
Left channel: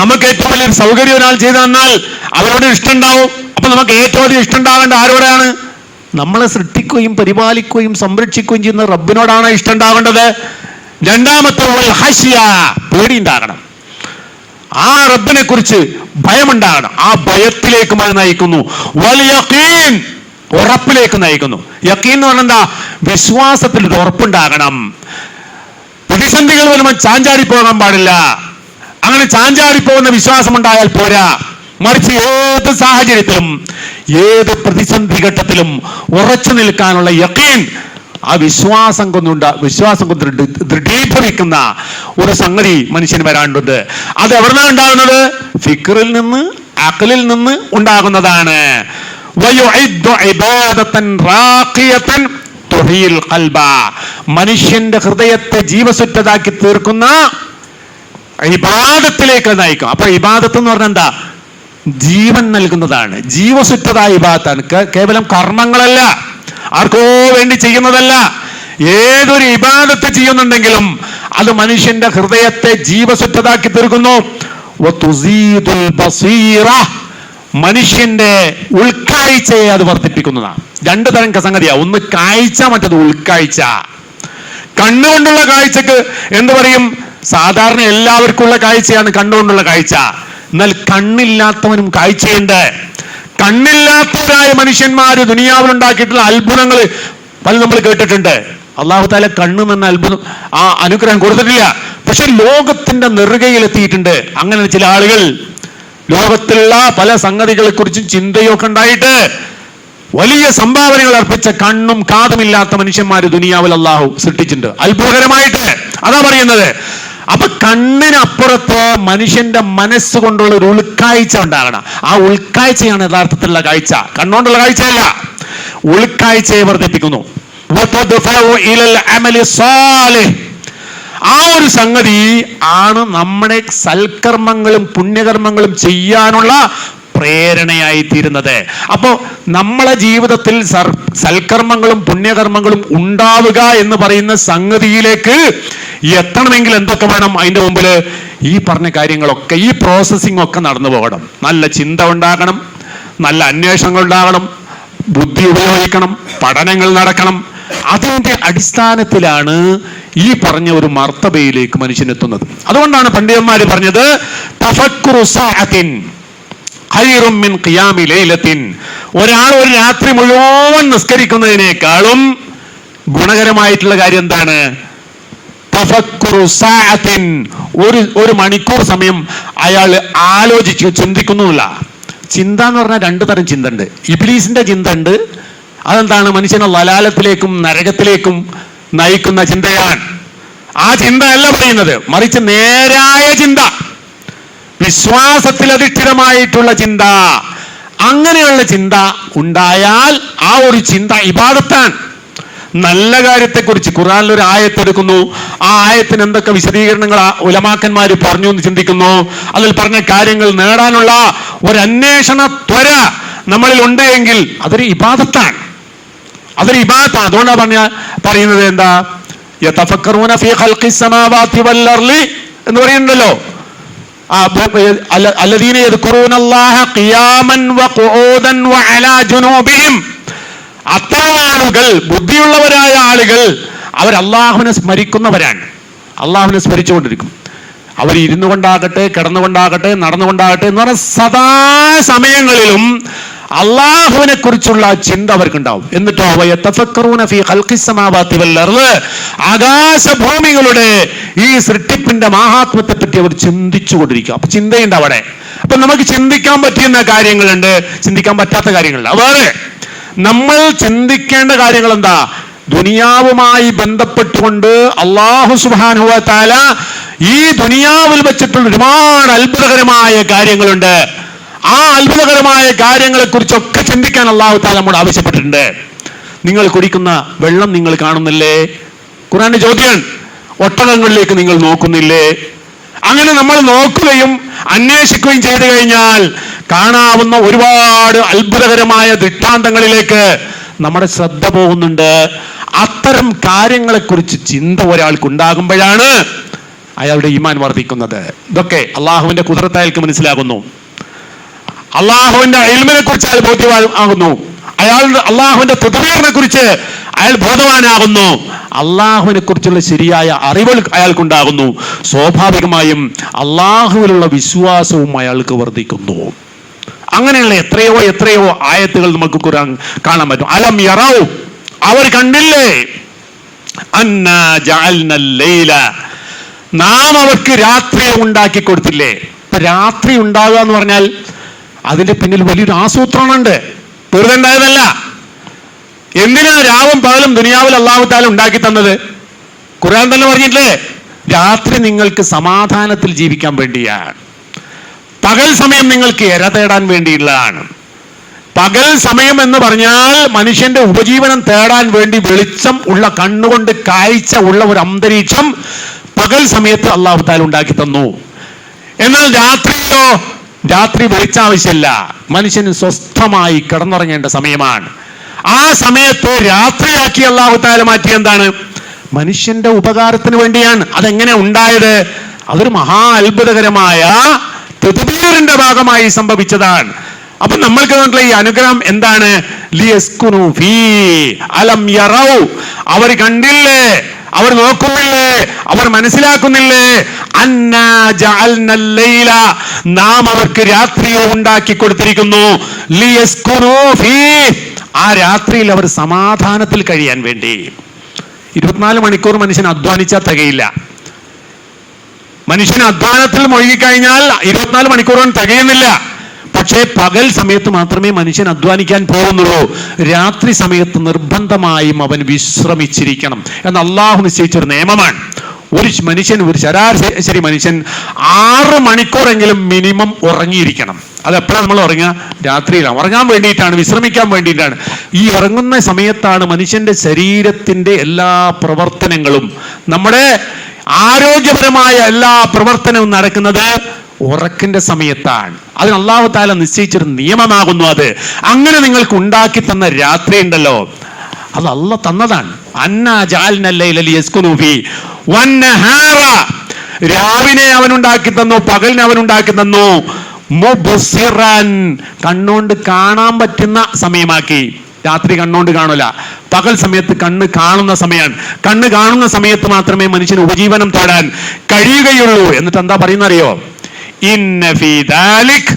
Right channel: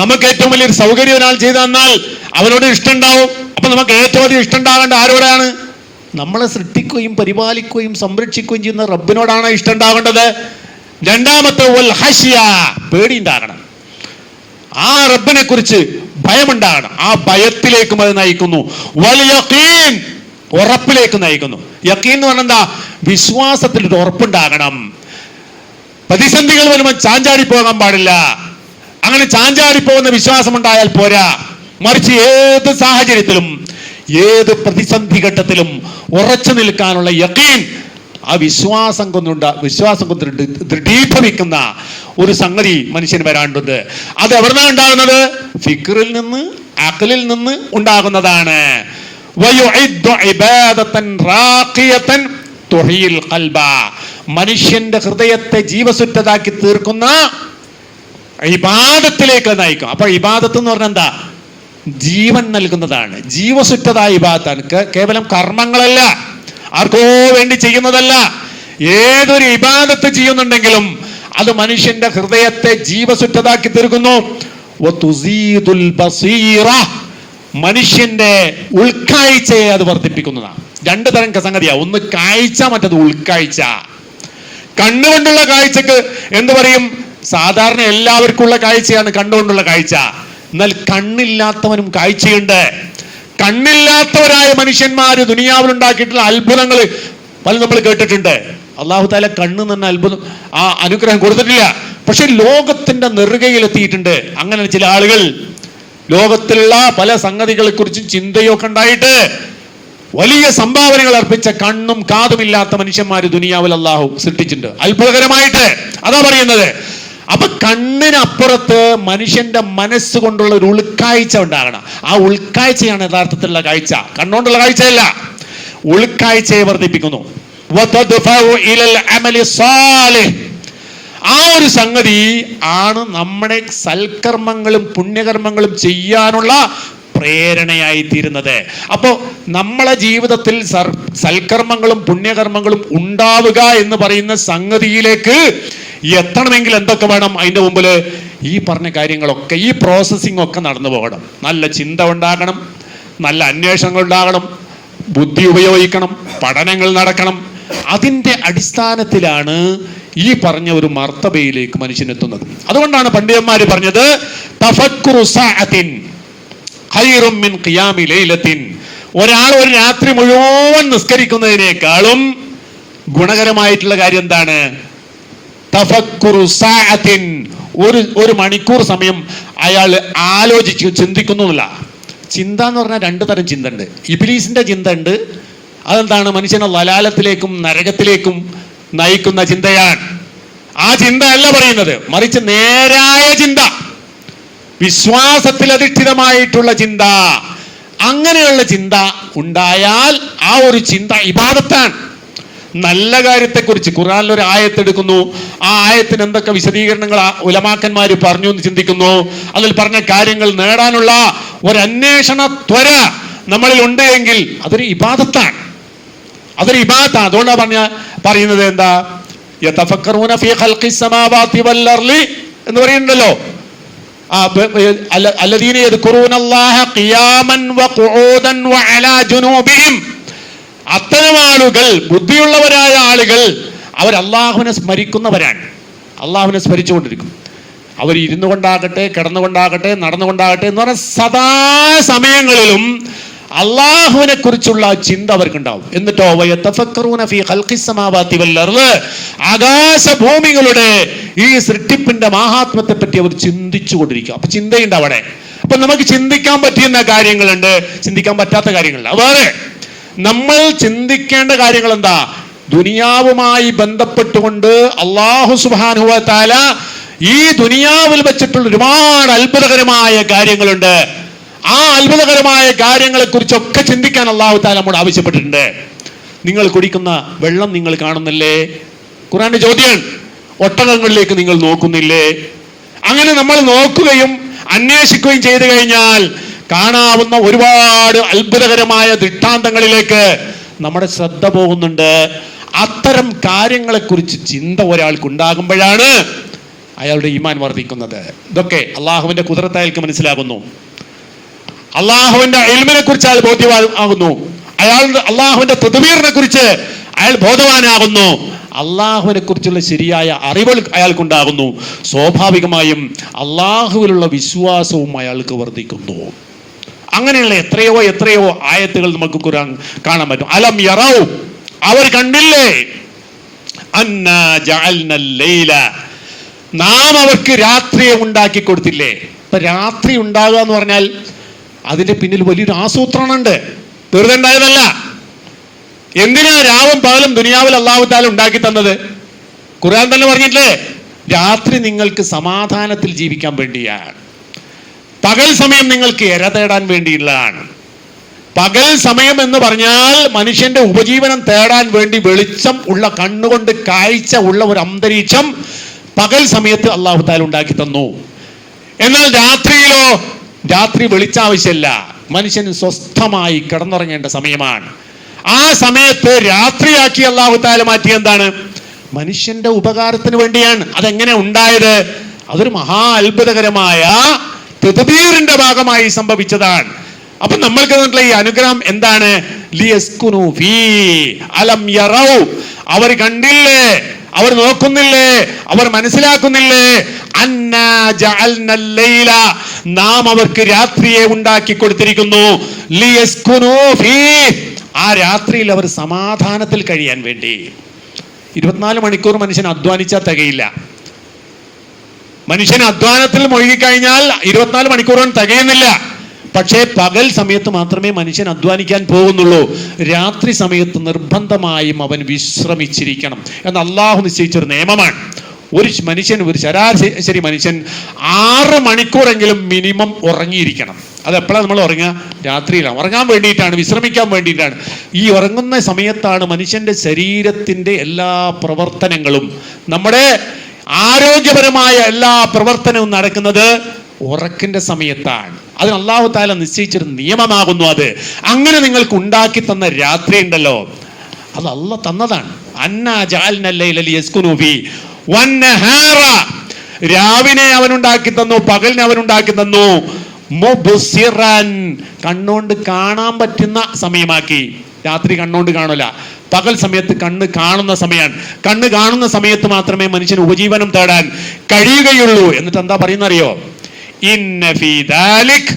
നമുക്ക് ഏറ്റവും വലിയൊരു സൗകര്യം ഒരാൾ ചെയ്തു തന്നാൽ അവരോട് ഇഷ്ടം ഉണ്ടാവും. അപ്പൊ നമുക്ക് ഏറ്റവും അധികം ഇഷ്ടം ഉണ്ടാവേണ്ട ആരോടാണ്? നമ്മളെ സൃഷ്ടിക്കുകയും പരിപാലിക്കുകയും സംരക്ഷിക്കുകയും ചെയ്യുന്ന റബ്ബിനോടാണ് ഇഷ്ടം ഉണ്ടാവേണ്ടത്. രണ്ടാമത്തെ ഖശ്യ, പേടി ഉണ്ടാകണം. ആ റബ്ബിനെ കുറിച്ച് ഭയമുണ്ടാകണം. ആ ഭയത്തിലേക്കും അത് നയിക്കുന്നു. വൽ യഖീൻ, ഉറപ്പിലേക്ക് നയിക്കുന്നു. യഖീൻ എന്ന് പറഞ്ഞാൽ എന്താ? വിശ്വാസത്തിൽ ഒരു ഉറപ്പുണ്ടാകണം. പ്രതിസന്ധികൾ വരുമ്പോൾ ചാഞ്ചാടി പോകാൻ പാടില്ല. അങ്ങനെ ചാഞ്ചാടി പോകുന്ന വിശ്വാസം ഉണ്ടായാൽ പോരാ. മറിച്ച് ഏത് സാഹചര്യത്തിലും ഏത് പ്രതിസന്ധി ഘട്ടത്തിലും ഉറച്ചു നിൽക്കാനുള്ള യഖീൻ, ആ വിശ്വാസം കൊണ്ട് ദൃഢീഭവിക്കുന്ന ഒരു സംഗതി മനുഷ്യന് വരാണ്ടുണ്ട്. അത് എവിടുന്നാണ് ഉണ്ടാകുന്നത്? ഫിക്റിൽ നിന്ന്, അഖലിൽ നിന്ന് ഉണ്ടാകുന്നതാണ്. മനുഷ്യന്റെ ഹൃദയത്തെ ജീവസുറ്റതാക്കി തീർക്കുന്ന ഇബാദത്തിലേക്ക് നയിക്കും. അപ്പൊ ഇബാദത്ത് എന്ന് പറഞ്ഞാൽ എന്താ? ജീവൻ നൽകുന്നതാണ്. ജീവസുറ്റത ഇബാദത്താണ്. കേവലം കർമ്മങ്ങളല്ല, ആർക്കോ വേണ്ടി ചെയ്യുന്നതല്ല. ഏതൊരു ഇബാദത്ത് ചെയ്യുന്നുണ്ടെങ്കിലും അത് മനുഷ്യന്റെ ഹൃദയത്തെ ജീവസുറ്റതാക്കി തീർക്കുന്നു. മനുഷ്യന്റെ ഉൾക്കാഴ്ചയെ അത് വർദ്ധിപ്പിക്കുന്നതാണ്. രണ്ടു തരം സംഗതിയാ. ഒന്ന് കാഴ്ച, മറ്റത് ഉൾക്കാഴ്ച. കണ്ണുകൊണ്ടുള്ള കാഴ്ചക്ക് എന്ത് പറയും? സാധാരണ എല്ലാവർക്കും ഉള്ള കാഴ്ചയാണ് കണ്ണുകൊണ്ടുള്ള കാഴ്ച. എന്നാൽ കണ്ണില്ലാത്തവനും കാഴ്ചയുണ്ട്. കണ്ണില്ലാത്തവരായ മനുഷ്യന്മാര് ദുനിയാവിൽ ഉണ്ടാക്കിയിട്ടുള്ള അത്ഭുതങ്ങൾ പല നമ്മൾ കേട്ടിട്ടുണ്ട്. അല്ലാഹു തആല കണ്ണ് എന്ന അത്ഭുതം, ആ അനുഗ്രഹം കൊടുത്തിട്ടില്ല. പക്ഷെ ലോകത്തിന്റെ നെറുകയിലെത്തിയിട്ടുണ്ട്. അങ്ങനെ ചില ആളുകൾ ലോകത്തിലുള്ള പല സംഗതികളെ കുറിച്ചും ചിന്തയൊക്കെ ഉണ്ടായിട്ട് വലിയ സംഭാവനകൾ അർപ്പിച്ച കണ്ണും കാതുമില്ലാത്ത മനുഷ്യന്മാര് ദുനിയാവിൽ അല്ലാഹു സൃഷ്ടിച്ചിട്ടുണ്ട്, അത്ഭുതകരമായിട്ട്. അതാ പറയുന്നത് അപ്പൊ കണ്ണിനപ്പുറത്ത് മനുഷ്യന്റെ മനസ്സുകൊണ്ടുള്ള ഒരു ഉൾക്കാഴ്ച ഉണ്ടാകണം. ആ ഉൾക്കാഴ്ചയാണ് യഥാർത്ഥത്തിലുള്ള കാഴ്ച. കണ്ണുകൊണ്ടുള്ള കാഴ്ചയല്ല, ഉൾക്കാഴ്ചയെ വർദ്ധിപ്പിക്കുന്നു. ആ ഒരു സംഗതി ആണ് നമ്മുടെ സൽക്കർമ്മങ്ങളും പുണ്യകർമ്മങ്ങളും ചെയ്യാനുള്ള പ്രേരണയായി തീരുന്നത്. അപ്പോ നമ്മളെ ജീവിതത്തിൽ സൽക്കർമ്മങ്ങളും പുണ്യകർമ്മങ്ങളും ഉണ്ടാവുക എന്ന് പറയുന്ന സംഗതിയിലേക്ക് എത്തണമെങ്കിൽ എന്തൊക്കെ വേണം? അതിന്റെ മുമ്പില് ഈ പറഞ്ഞ കാര്യങ്ങളൊക്കെ, ഈ പ്രോസസ്സിംഗ് ഒക്കെ നടന്നു പോകണം. നല്ല ചിന്ത ഉണ്ടാകണം, നല്ല അന്വേഷണങ്ങൾ ഉണ്ടാകണം, ബുദ്ധി ഉപയോഗിക്കണം, പഠനങ്ങൾ നടക്കണം. അതിന്റെ അടിസ്ഥാനത്തിലാണ് ഈ പറഞ്ഞ ഒരു മർത്തബയിലേക്ക് മനുഷ്യനെത്തുന്നത്. അതുകൊണ്ടാണ് പണ്ഡിതന്മാര് പറഞ്ഞത് തഫക്കുറു സഅത്തിൻ ഖൈറും മിൻ ഖിയാമി ലൈലത്തിൻ. ഒരാൾ ഒരു രാത്രി മുഴുവൻ നിസ്കരിക്കുന്നതിനേക്കാളും ഗുണകരമായിട്ടുള്ള കാര്യം എന്താണ്? തഫക്കുറു സഅത്തിൻ, ഒരു മണിക്കൂർ സമയം അയാൾ ആലോചിച്ചു ചിന്തിക്കുന്നുമില്ല. ചിന്ത എന്ന് പറഞ്ഞാൽ രണ്ടു തരം ചിന്ത ഉണ്ട്. ഇബ്ലീസിന്റെ ചിന്ത ഉണ്ട്. അതെന്താണ്? മനുഷ്യനെ ലലാലത്തിലേക്കും നരകത്തിലേക്കും നയിക്കുന്ന ചിന്തയാണ്. ആ ചിന്തയല്ല പറയുന്നത്, മറിച്ച് നേരായ ചിന്ത, വിശ്വാസത്തിൽ അധിഷ്ഠിതമായിട്ടുള്ള ചിന്ത. അങ്ങനെയുള്ള ചിന്ത ഉണ്ടായാൽ ആ ഒരു ചിന്ത ഇബാദത്താണ്. നല്ല കാര്യത്തെക്കുറിച്ച് ഖുർആനിൽ ഒരു ആയത്ത് എടുക്കുന്നു, ആ ആയത്തിന് എന്തൊക്കെ വിശദീകരണങ്ങൾ ഉലമാക്കന്മാര് പറഞ്ഞു എന്ന് ചിന്തിക്കുന്നു. അതിൽ പറഞ്ഞ കാര്യങ്ങൾ നേടാനുള്ള ഒരു അന്വേഷണ ത്വര നമ്മളിൽ ഉണ്ട് എങ്കിൽ അതൊരു ഇബാദത്താണ്, അതൊരു ഇബാദത്താണ്. അതുകൊണ്ടാണ് പറയുന്നത് എന്താ, യതഫക്കറൂന ഫീ ഖൽഖിസ് സമാവാതി വൽ അർളി എന്ന് പറയുന്നുണ്ടല്ലോ. അല്ലദീന യദ്കുറൂനല്ലാഹ ഖിയാമൻ വഖുഊദൻ വഅലാ ജുനൂബിഹിം. അത്തരം ആളുകൾ, ബുദ്ധിയുള്ളവരായ ആളുകൾ, അവർ അള്ളാഹുവിനെ സ്മരിക്കുന്നവരാണ്. അള്ളാഹുവിനെ സ്മരിച്ചുകൊണ്ടിരിക്കും. അവർ ഇരുന്നു കൊണ്ടാകട്ടെ, കിടന്നുകൊണ്ടാകട്ടെ, നടന്നുകൊണ്ടാകട്ടെ എന്ന് പറഞ്ഞ സദാ സമയങ്ങളിലും അള്ളാഹുവിനെ കുറിച്ചുള്ള ചിന്ത അവർക്കുണ്ടാവും. എന്നിട്ടോ ആകാശഭൂമികളുടെ ഈ സൃഷ്ടിപ്പിന്റെ മഹാത്മത്തെ പറ്റി അവർ ചിന്തിച്ചു കൊണ്ടിരിക്കും. അപ്പൊ ചിന്തയുണ്ട് അവിടെ. അപ്പൊ നമുക്ക് ചിന്തിക്കാൻ പറ്റുന്ന കാര്യങ്ങളുണ്ട്, ചിന്തിക്കാൻ പറ്റാത്ത കാര്യങ്ങളുണ്ട്. വേറെ നമ്മൾ ചിന്തിക്കേണ്ട കാര്യങ്ങൾ എന്താ? ദുനിയാവുമായി ബന്ധപ്പെട്ടുകൊണ്ട് അല്ലാഹു സുബ്ഹാനഹു വ തആല ഈ ദുനിയാവിൽ വെച്ചിട്ടുള്ള ഒരുപാട് അത്ഭുതകരമായ കാര്യങ്ങളുണ്ട്. ആ അത്ഭുതകരമായ കാര്യങ്ങളെ കുറിച്ചൊക്കെ ചിന്തിക്കാൻ അല്ലാഹു തആല നമ്മോട് ആവശ്യപ്പെട്ടിട്ടുണ്ട്. നിങ്ങൾ കുടിക്കുന്ന വെള്ളം നിങ്ങൾ കാണുന്നില്ലേ? ഖുർആന്റെ ചോദ്യമാണ്. ഒട്ടകങ്ങളിലേക്ക് നിങ്ങൾ നോക്കുന്നില്ലേ? അങ്ങനെ നമ്മൾ നോക്കുകയും അന്വേഷിക്കുകയും ചെയ്തു കഴിഞ്ഞാൽ കാണാവുന്ന ഒരുപാട് അത്ഭുതകരമായ ദൃഷ്ടാന്തങ്ങളിലേക്ക് നമ്മുടെ ശ്രദ്ധ പോകുന്നുണ്ട്. അത്തരം കാര്യങ്ങളെക്കുറിച്ച് ചിന്ത ഒരാൾക്കുണ്ടാകുമ്പോഴാണ് അയാളുടെ ഈമാൻ വർദ്ധിക്കുന്നത്. ഇതൊക്കെ അള്ളാഹുവിന്റെ ഖുദ്റത്ത് അയാൾക്ക് മനസ്സിലാകുന്നു. അള്ളാഹുവിന്റെ ഇൽമിനെ കുറിച്ച് അയാൾ ബോധ്യമാകുന്നു. അള്ളാഹുവിന്റെ തദ്ബീറിനെ കുറിച്ച് അയാൾ ബോധവാനാകുന്നു. അള്ളാഹുവിനെ കുറിച്ചുള്ള ശരിയായ അറിവുകൾ അയാൾക്കുണ്ടാകുന്നു. സ്വാഭാവികമായും അള്ളാഹുവിലുള്ള വിശ്വാസവും അയാൾക്ക് വർദ്ധിക്കുന്നു. അങ്ങനെയുള്ള എത്രയോ എത്രയോ ആയത്തുകൾ നമുക്ക് ഖുർആൻ കാണാൻ പറ്റും. അലം യറൗ, അവർ കണ്ടില്ലേ, അന്നാ ജഅൽനൽ ലൈല, നാം അവർക്ക് രാത്രിയെ ഉണ്ടാക്കി കൊടുത്തില്ലേ. ഇപ്പൊ രാത്രി ഉണ്ടാകുക എന്ന് പറഞ്ഞാൽ അതിന്റെ പിന്നിൽ വലിയൊരു ആസൂത്രണമുണ്ട്, വെറുതെ ഉണ്ടായതല്ല. എന്തിനാ രാവും പകലും ദുനിയാവിൽ അല്ലാഹു തആല ഉണ്ടാക്കി തന്നത്? ഖുർആൻ തന്നെ പറഞ്ഞിട്ടില്ലേ, രാത്രി നിങ്ങൾക്ക് സമാധാനത്തിൽ ജീവിക്കാൻ വേണ്ടിയാണ്, പകൽ സമയം നിങ്ങൾക്ക് ഇര തേടാൻ വേണ്ടിയുള്ളതാണ്. പകൽ സമയം എന്ന് പറഞ്ഞാൽ മനുഷ്യന്റെ ഉപജീവനം തേടാൻ വേണ്ടി വെളിച്ചം ഉള്ള, കണ്ണുകൊണ്ട് കാഴ്ച ഉള്ള ഒരു അന്തരീക്ഷം പകൽ സമയത്ത് അല്ലാഹു തആല ഉണ്ടാക്കി തന്നു. എന്നാൽ രാത്രിയിലോ, രാത്രി വെളിച്ചാവശ്യമല്ല, മനുഷ്യന് സ്വസ്ഥമായി കിടന്നുറങ്ങേണ്ട സമയമാണ്. ആ സമയത്ത് രാത്രിയാക്കി അല്ലാഹു തആല മാറ്റി എന്താണ്? മനുഷ്യന്റെ ഉപകാരത്തിന് വേണ്ടിയാണ്. അതെങ്ങനെ ഉണ്ടായത്? അതൊരു മഹാ അത്ഭുതകരമായ തദ്ബീറിന്റെ ഭാഗമായി സംഭവിച്ചതാണ്. അപ്പൊ നമ്മൾക്ക് ഈ അനുഗ്രഹം എന്താണ്? ലിയസ്കുനു ഫീ അലം യറൗ, അവർ കണ്ടില്ലേ, അവർ നോക്കുന്നില്ലേ, അവർ മനസ്സിലാക്കുന്നില്ലേ? അന്നാ ജഅൽനൽ ലൈല, നാം അവർക്ക് രാത്രിയെ ഉണ്ടാക്കി കൊടുത്തിരിക്കുന്നു. ലിയസ്കുനു ഫീ, ആ രാത്രിയിൽ അവർ സമാധാനത്തിൽ കഴിയാൻ വേണ്ടി. 24 മണിക്കൂർ മനുഷ്യൻ അധ്വാനിച്ചാൽ തികയില്ല. മനുഷ്യൻ അധ്വാനത്തിൽ മുഴുകിക്കഴിഞ്ഞാൽ 24 മണിക്കൂറും തികയുന്നില്ല. പക്ഷേ പകൽ സമയത്ത് മാത്രമേ മനുഷ്യൻ അധ്വാനിക്കാൻ പോകുന്നുള്ളൂ. രാത്രി സമയത്ത് നിർബന്ധമായും അവൻ വിശ്രമിച്ചിരിക്കണം എന്ന് അള്ളാഹു നിശ്ചയിച്ചൊരു നിയമമാണ്. ഒരു ശരാശരി മനുഷ്യൻ 6 മണിക്കൂറെങ്കിലും മിനിമം ഉറങ്ങിയിരിക്കണം. അതെപ്പോഴാണ് നമ്മൾ ഉറങ്ങുക? രാത്രിയിലാണ്. ഉറങ്ങാൻ വേണ്ടിയിട്ടാണ്, വിശ്രമിക്കാൻ വേണ്ടിയിട്ടാണ്. ഈ ഉറങ്ങുന്ന സമയത്താണ് മനുഷ്യന്റെ ശരീരത്തിന്റെ എല്ലാ പ്രവർത്തനങ്ങളും, നമ്മുടെ ആരോഗ്യപരമായ എല്ലാ പ്രവർത്തനവും നടക്കുന്നത് ഉറക്കിന്റെ സമയത്താണ്. അതിന് അല്ലാഹു തആല നിശ്ചയിച്ചൊരു നിയമമാകുന്നു അത്. അങ്ങനെ നിങ്ങൾക്ക് ഉണ്ടാക്കി തന്ന രാത്രി ഉണ്ടല്ലോ, അത് അല്ലാഹ് തന്നതാണ്. അന്നാ ജഅൽനൽ ലൈല ലിയസ്കുനൂ ഫീ വന്നഹാറ, രാവിനെ അവനുണ്ടാക്കി തന്നു, പകലിനെ അവനുണ്ടാക്കി തന്നു. മുബ്സിറൻ, കണ്ണുകൊണ്ട് കാണാൻ പറ്റുന്ന സമയമാക്കി. രാത്രി കണ്ണുകൊണ്ട് കാണൂല, പകൽ സമയത്ത് കണ്ണ് കാണുന്ന സമയമാണ്. കണ്ണ് കാണുന്ന സമയത്ത് മാത്രമേ മനുഷ്യന് ഉപജീവനം തേടാൻ കഴിയുകയുള്ളൂ. എന്നിട്ട് എന്താ പറയുന്നറിയോ? ഇന്ന ഫീ ദാലിക്,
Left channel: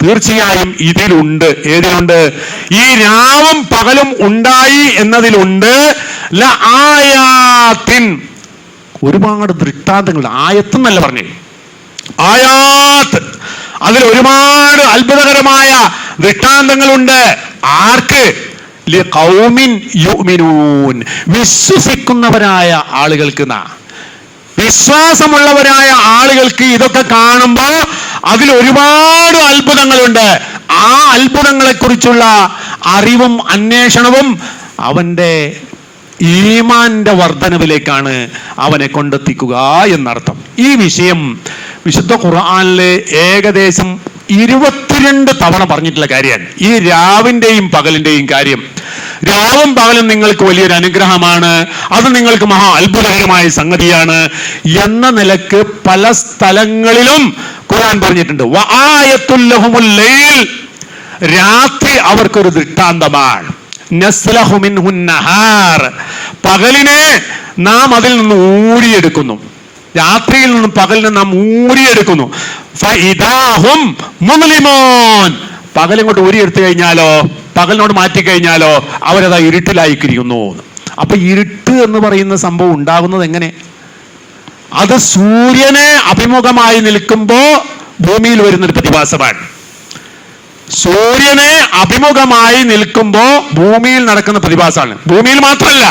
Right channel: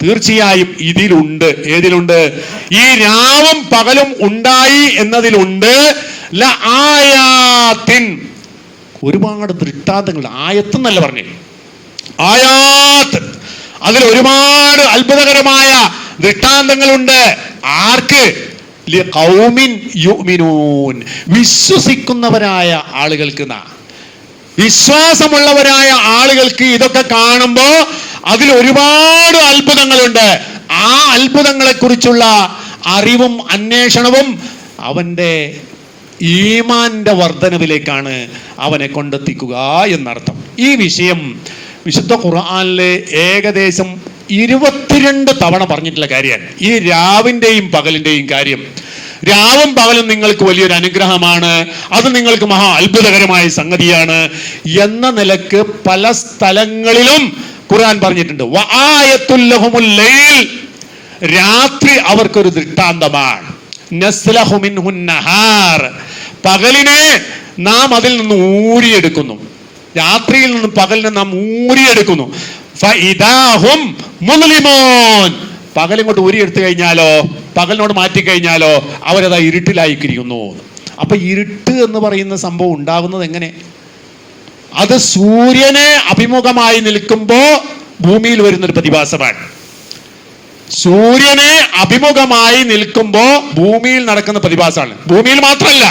തീർച്ചയായും ഇതിലുണ്ട്. ഏതിലുണ്ട്? ഈ രാവും പകലും ഉണ്ടായി എന്നതിലുണ്ട്. ലആയാത്തിൻ, ഒരുപാട് ദൃഷ്ടാന്തങ്ങൾ. ആയത്ത് എന്നല്ല പറഞ്ഞേ, ആയാത്ത്. അതിൽ ഒരുപാട് അത്ഭുതകരമായ ദൃഷ്ടാന്തങ്ങളുണ്ട്. ആർക്ക്? ലിഖൗമിൻ യുഅ്മിനൂൻ, വിശ്വസിക്കുന്നവരായ ആളുകൾക്ക്. വിശ്വാസമുള്ളവരായ ആളുകൾക്ക് ഇതൊക്കെ കാണുമ്പോ അതിൽ ഒരുപാട് അത്ഭുതങ്ങളുണ്ട്. ആ അത്ഭുതങ്ങളെ കുറിച്ചുള്ള അറിവും അന്വേഷണവും അവന്റെ ഈമാന്റെ വർധനവിലേക്കാണ് അവനെ കൊണ്ടെത്തിക്കുക എന്നർത്ഥം. ഈ വിഷയം വിശുദ്ധ ഖുർആനിലെ ഏകദേശം 22 തവണ പറഞ്ഞിട്ടുള്ള കാര്യമാണ് ഈ രാവിന്റെയും പകലിന്റെയും കാര്യം. രാവും പകലും നിങ്ങൾക്ക് വലിയൊരു അനുഗ്രഹമാണ്, അത് നിങ്ങൾക്ക് മഹാ അത്ഭുതകരമായ സംഗതിയാണ് എന്ന നിലക്ക് പല സ്ഥലങ്ങളിലും ഖുർആൻ പറഞ്ഞിട്ടുണ്ട്. വആയത്തുൽ ലഹുമുൽ ലൈൽ, രാത്രി അവർക്കൊരു ദൃഷ്ടാന്തമാണ്. നസ്ലഹു മിൻഹുൻ നഹാർ, പകലിനെ നാം അതിൽ നിന്ന് ഊരിയെടുക്കുന്നു. രാത്രിയിൽ നിന്നും പകലിനെ നാം ഊരിയെടുക്കുന്നു. ഫഇദാഹും മുസ്ലിമൂൻ, പകലിങ്ങോട്ട് ഊരിയെടുത്തു കഴിഞ്ഞാലോ, പകലിനോട് മാറ്റിക്കഴിഞ്ഞാലോ അവരതാ ഇരുട്ടിലായിരിക്കുന്നു. അപ്പൊ ഇരുട്ട് എന്ന് പറയുന്ന സംഭവം ഉണ്ടാകുന്നത് എങ്ങനെ? അത് സൂര്യനെ അഭിമുഖമായി നിൽക്കുമ്പോ ഭൂമിയിൽ വരുന്നൊരു പ്രതിഭാസമാണ്. സൂര്യനെ അഭിമുഖമായി നിൽക്കുമ്പോ ഭൂമിയിൽ നടക്കുന്ന പ്രതിഭാസമാണ്. ഭൂമിയിൽ മാത്രമല്ല,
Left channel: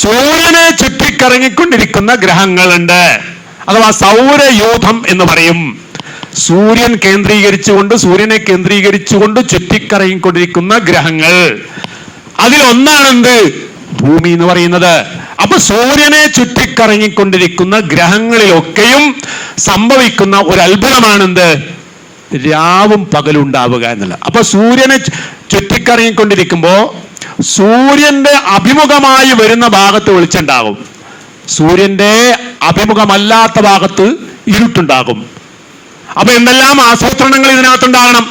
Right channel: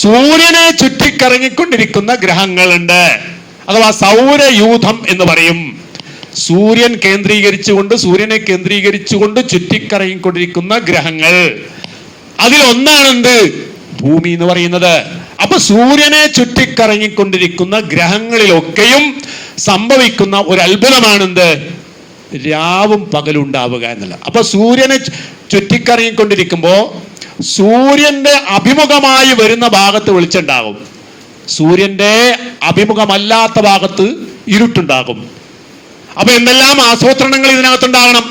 സൂര്യനെ ചുറ്റിക്കറങ്ങിക്കൊണ്ടിരിക്കുന്ന ഗ്രഹങ്ങളുണ്ട്, അഥവാ സൗരയൂഥം എന്ന് പറയും. സൂര്യനെ കേന്ദ്രീകരിച്ചുകൊണ്ട് ചുറ്റിക്കറങ്ങിക്കൊണ്ടിരിക്കുന്ന ഗ്രഹങ്ങൾ, അതിലൊന്നാണെന്ത്? ഭൂമി എന്ന് പറയുന്നത്. അപ്പൊ സൂര്യനെ ചുറ്റിക്കറങ്ങിക്കൊണ്ടിരിക്കുന്ന ഗ്രഹങ്ങളിലൊക്കെയും സംഭവിക്കുന്ന ഒരു അത്ഭുതമാണെന്ത്? രാവും പകലും ഉണ്ടാവുക എന്നുള്ള. അപ്പൊ സൂര്യനെ ചുറ്റിക്കറങ്ങിക്കൊണ്ടിരിക്കുമ്പോ സൂര്യന്റെ അഭിമുഖമായി വരുന്ന ഭാഗത്ത് വെളിച്ചുണ്ടാകും, സൂര്യന്റെ അഭിമുഖമല്ലാത്ത ഭാഗത്ത് ഇരുട്ടുണ്ടാകും. അപ്പൊ എന്തെല്ലാം ആസൂത്രണങ്ങൾ ഇതിനകത്തുണ്ടാകണം,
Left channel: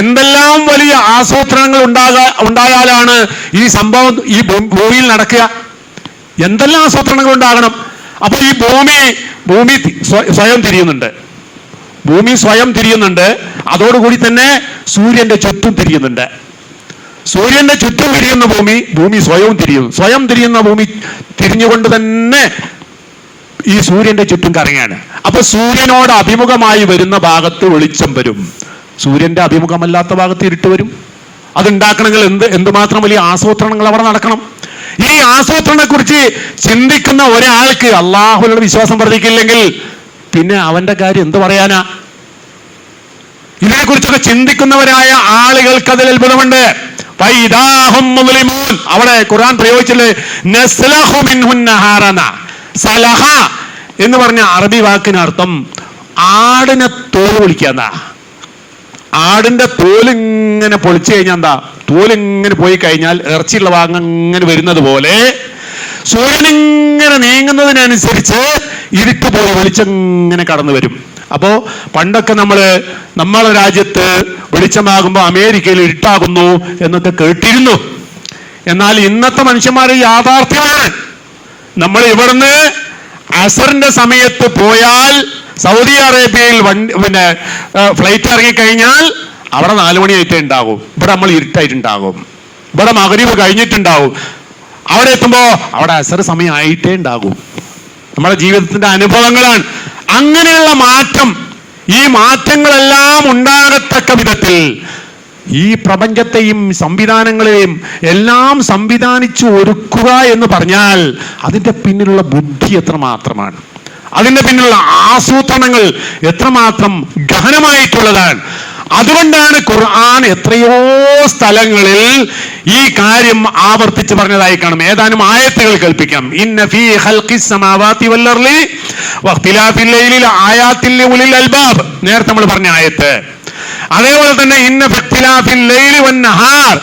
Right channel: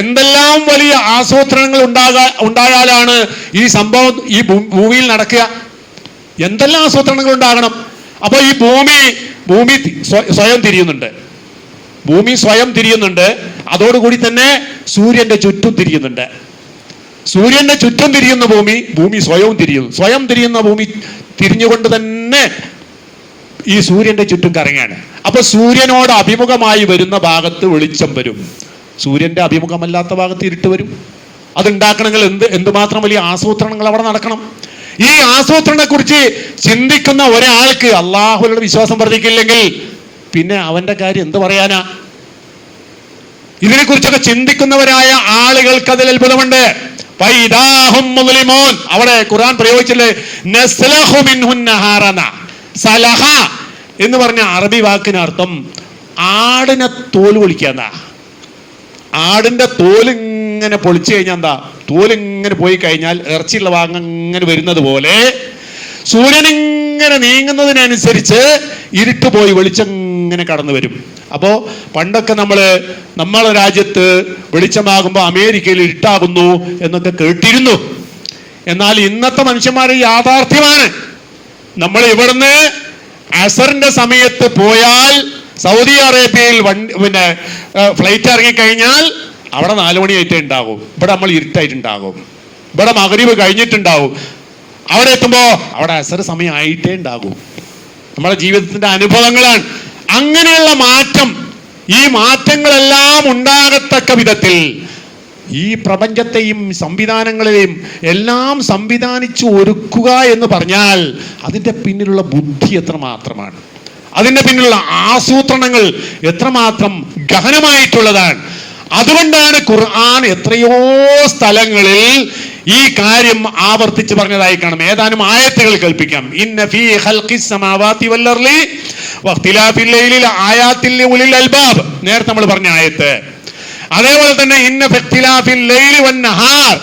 എന്തെല്ലാം വലിയ ആസൂത്രണങ്ങൾ ഉണ്ടായാലാണ് ഈ സംഭവം ഈ ഭൂമിയിൽ നടക്കുക. എന്തെല്ലാം ആസൂത്രണങ്ങൾ ഉണ്ടാകണം. അപ്പൊ ഈ ഭൂമി സ്വയം തിരിയുന്നുണ്ട്. ഭൂമി സ്വയം തിരിയുന്നുണ്ട്, അതോടുകൂടി തന്നെ സൂര്യന്റെ ചുറ്റും തിരിയുന്നുണ്ട്. സൂര്യന്റെ ചുറ്റും തിരിയുന്ന ഭൂമി സ്വയം തിരിയുന്നു. സ്വയം തിരിയുന്ന ഭൂമി തിരിഞ്ഞുകൊണ്ട് തന്നെ ഈ സൂര്യന്റെ ചുറ്റും കറങ്ങാണ്. അപ്പൊ സൂര്യനോട് അഭിമുഖമായി വരുന്ന ഭാഗത്ത് വെളിച്ചം വരും, സൂര്യന്റെ അഭിമുഖമല്ലാത്ത ഭാഗത്ത് ഇരുട്ട് വരും. അതുണ്ടാക്കണമെങ്കിൽ എന്തുമാത്രം വലിയ ആസൂത്രണങ്ങൾ അവിടെ നടക്കണം. ഈ ആസൂത്രണത്തെ കുറിച്ച് ചിന്തിക്കുന്ന ഒരാൾക്ക് അള്ളാഹുവിനോട് വിശ്വാസം വർദ്ധിക്കില്ലെങ്കിൽ പിന്നെ അവന്റെ കാര്യം എന്ത് പറയാനാ? ഇതിനെക്കുറിച്ചൊക്കെ ചിന്തിക്കുന്നവരായ ആളുകൾക്ക് അതിൽ അത്ഭുതമുണ്ട്. അവിടെ ഖുർആൻ പ്രയോഗിച്ചില്ലേ, നസ്ലഹു മിൻഹുൻ നഹാറന. സലഹ എന്ന് പറഞ്ഞ അറബി വാക്കിനർത്ഥം ആടിനെ തോല് പൊളിക്കാന്ന. ആടിന്റെ തോലിങ്ങനെ പൊളിച്ചു കഴിഞ്ഞാൽ എന്താ? തോലിങ്ങനെ പോയി കഴിഞ്ഞാൽ ഇറച്ചിയുള്ള ഭാഗം ഇങ്ങനെ വരുന്നത് പോലെ സൂര്യനിങ്ങനെ നീങ്ങുന്നതിനനുസരിച്ച് ഇരുട്ട് പോയി വെളിച്ചങ്ങനെ കടന്നു വരും. അപ്പോ പണ്ടൊക്കെ നമ്മളെ രാജ്യത്ത് വെളിച്ചമാകുമ്പോൾ അമേരിക്കയിൽ ഇരുട്ടാകുന്നു എന്നൊക്കെ കേട്ടിരുന്നു. എന്നാൽ ഇന്നത്തെ മനുഷ്യന്മാർ യാഥാർത്ഥ്യമാണ്. നമ്മൾ ഇവിടുന്ന് അസറിന്റെ സമയത്ത് പോയാൽ സൗദി അറേബ്യയിൽ ഫ്ലൈറ്റ് ഇറങ്ങിക്കഴിഞ്ഞാൽ അവിടെ 4 മണിയായിട്ടേ ഉണ്ടാകും. ഇവിടെ നമ്മൾ ഇരുട്ടായിട്ടുണ്ടാകും. ഇവിടെ മഗ്‌രിബ് കഴിഞ്ഞിട്ടുണ്ടാവും. അവിടെ എത്തുമ്പോ അവിടെ അസർ സമയമായിട്ടേ ഉണ്ടാകും. നമ്മുടെ ജീവിതത്തിന്റെ അനുഭവങ്ങളാണ്. അങ്ങനെയുള്ള മാറ്റം, ഈ മാറ്റങ്ങളെല്ലാം ഉണ്ടാകത്തക്ക വിധത്തിൽ ഈ പ്രപഞ്ചത്തെയും സംവിധാനങ്ങളെയും എല്ലാം സംവിധാനിച്ചു ഒരുക്കുക എന്ന് പറഞ്ഞാൽ അതിന്റെ പിന്നിലുള്ള ബുദ്ധി എത്രമാത്രമാണ്, അതിന്റെ പിന്നിലുള്ള ആസൂത്രണങ്ങൾ എത്രമാത്രം ഗഹനമായിട്ടുള്ളതാണ്. അതുകൊണ്ടാണ് ഖുർആൻ എത്രയോ സ്ഥലങ്ങളിൽ ഈ കാര്യം ആവർത്തിച്ച് പറഞ്ഞതായി കാണും. ഏതാനും ആയത്തുകൾ കേൾപ്പിക്കാം. ഇന്ന ഫീ ഖൽഖിസ് സമാവാതി വൽ അർളി വഖ്തിലാഫിൽ ലൈലി ലആയാതിൻ ലിഉലിൽ അൽബാബ്, നേരത്തെ നമ്മൾ പറഞ്ഞ ആയത്ത്. അതേപോലെ തന്നെ ഇന്ന ഫഖ്തിലാഫിൽ ലൈലി വൻ നഹാർ,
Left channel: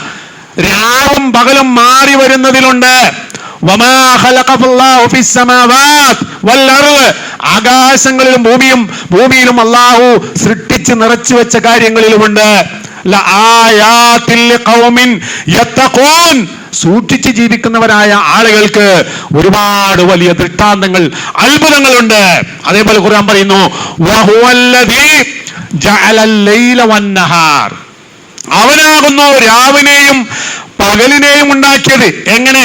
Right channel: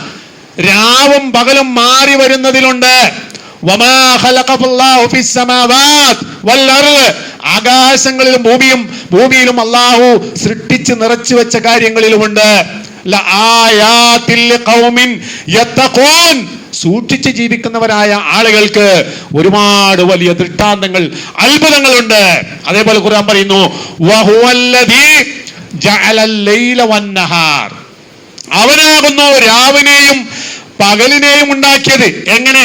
രാവും പകലും മാറി വരുന്നതിലുണ്ട്. വമാ ഖലഖല്ലാഹു ഫിസ് സമാവാത് വൽ അർള്, ആകാശങ്ങളിലും ഭൂമിയിലും അല്ലാഹു സൃഷ്ടിച്ച് നിറച്ചു വെച്ച കാര്യങ്ങളിലുമുണ്ട്. ലആയാതിൽ ലിഖൗമിൻ യത്തഖൂൻ, സൂക്ഷിച്ച് ജീവിക്കുന്നവരായ ആളുകൾക്ക് ഒരുപാട് വലിയ ദൃഷ്ടാന്തങ്ങൾ, അത്ഭുതങ്ങളുണ്ട്. അതേപോലെ ഖുർആൻ പറയുന്നു വഹുവല്ലദീ ജഅലൽ ലൈല വന്നഹാർ, അവനാകുന്നു രാവിനെയും പകലിനെയും ഉണ്ടാക്കിയത്. എങ്ങനെ?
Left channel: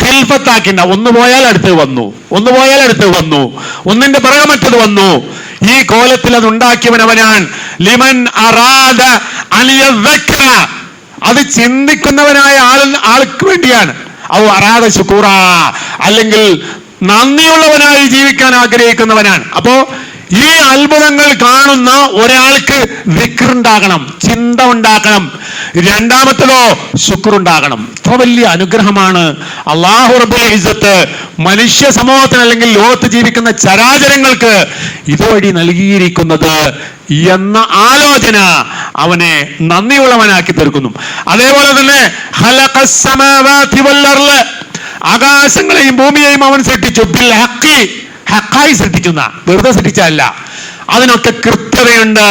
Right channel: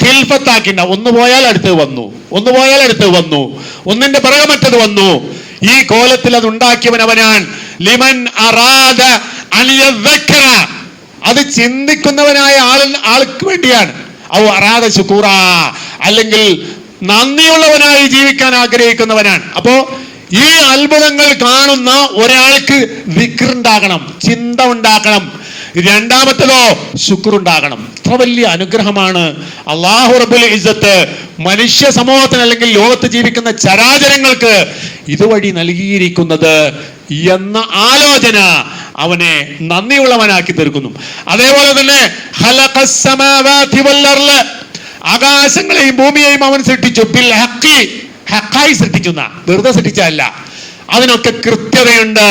ഖിൽഫത്താക്കിണ്ട, ഒന്ന് പോയാൽ അടുത്ത് വന്നു, ഒന്ന് പോയാൽ അടുത്ത് വന്നു, ഒന്നിന്റെ പിറകെ മറ്റത് വന്നു. ഈ കോലത്തിൽ അത് ഉണ്ടാക്കിയവൻ അവനാണ്. ലിമൻ അറാദ അൻ യദ്ദക്കറ, അത് ചിന്തിക്കുന്നവനായ ആൾക്ക് വേണ്ടിയാണ്. ഔ അറാദ ശുക്കൂറ, അല്ലെങ്കിൽ നന്ദിയുള്ളവനായി ജീവിക്കാൻ ആഗ്രഹിക്കുന്നവനാണ്. അപ്പോ ഈ അത്ഭുതങ്ങൾ കാണുന്ന ഒരാൾക്ക് ദിക്റുണ്ടാകണം, ചിന്ത ഉണ്ടാക്കണം. രണ്ടാമത്തതോ ശുക്റുണ്ടാകണം. ഇത്ര വലിയ അനുഗ്രഹമാണ് അല്ലാഹു റബ്ബുൽ ഇസ്സത്ത് മനുഷ്യ സമൂഹത്തിന്, അല്ലെങ്കിൽ ലോകത്ത് ജീവിക്കുന്ന ചരാചരങ്ങൾക്ക് ഇതുവഴി നൽകിയിരിക്കുന്നത് എന്ന ആലോചന അവനെ നന്ദിയുള്ളവനാക്കി തീർക്കുന്നു. അതേപോലെ തന്നെ ഖലഖസ് സമാവാതി വൽ അർള്, ആകാശങ്ങളെയും ഭൂമിയെയും അവൻ സൃഷ്ടിച്ചു. ബിൽ ഹഖി, ഹഖായി സൃഷ്ടിച്ചു, വെറുതെ സൃഷ്ടിച്ചല്ല, അതിനൊക്കെ കൃത്യതയുണ്ട്.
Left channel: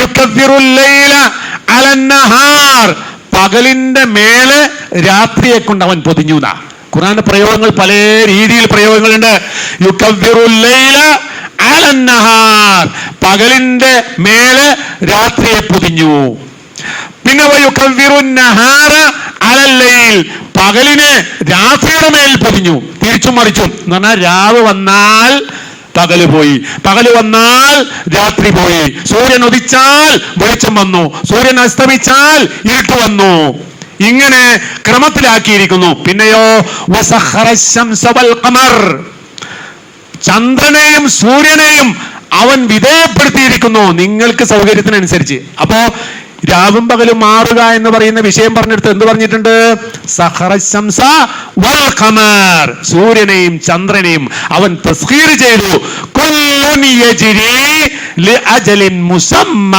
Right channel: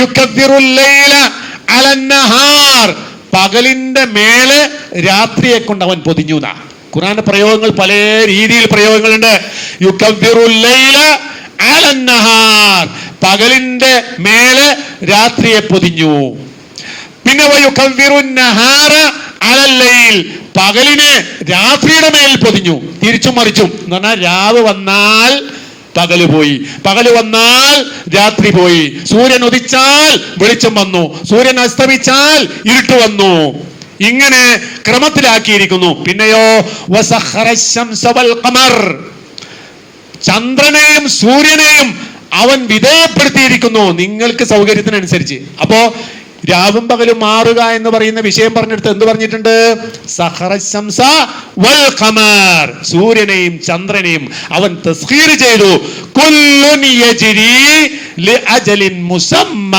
യുകവ്വിറുൽ ലൈല അലൻ നഹാർ, പകലിന്റെ മേലെ രാത്രിയെ കൊണ്ട് അവൻ പൊതിഞ്ഞു. ഖുർആന്റെ പ്രയോഗങ്ങൾ പല രീതിയിൽ പ്രയോഗങ്ങളുണ്ട്. യുകവ്വിറുൽ ലൈല അലൻ നഹാർ, പകലിന്റെ മേലെ രാത്രിയെ പൊതിഞ്ഞു. പിന്നെ വയുകവ്വിറുൻ നഹാര അലൽ ലൈൽ, പകലിനെ രാത്രിയുടെ മേൽ പൊതിഞ്ഞു. തിരിച്ചും മറിച്ചും എന്ന് പറഞ്ഞാൽ രാവ് വന്നാൽ പകല് പോയി, പകല് വന്നാൽ രാത്രി പോയി. സൂര്യൻ ഉദിച്ചാൽ വെളിച്ചം വന്നു, സൂര്യൻ അസ്തമിച്ചാൽ ഇരുട്ട് വന്നു. ഇങ്ങനെ ക്രമത്തിലാക്കിയിരിക്കുന്നു. പിന്നെയോ വസഖറ ശംസ വൽ ഖമർ, ചന്ദ്രനെയും സൂര്യനെയും അവൻ വിധേയപ്പെടുത്തിയിരിക്കുന്നു നിങ്ങൾക്ക് സൗകര്യത്തിനനുസരിച്ച്. അപ്പോ രാവും പകലും മാറുക എന്ന് പറയുന്ന വിഷയം പറഞ്ഞെടുത്ത് എന്ത് പറഞ്ഞിട്ടുണ്ട്? സഖറ ശംസ വൽ ഖമർ, സൂര്യനെയും ചന്ദ്രനെയും അവൻ തസ്ഖീർ ചെയ്തു. കുല്ലുൻ യജ്രി ലിഅജലിൻ മുസമ്മ,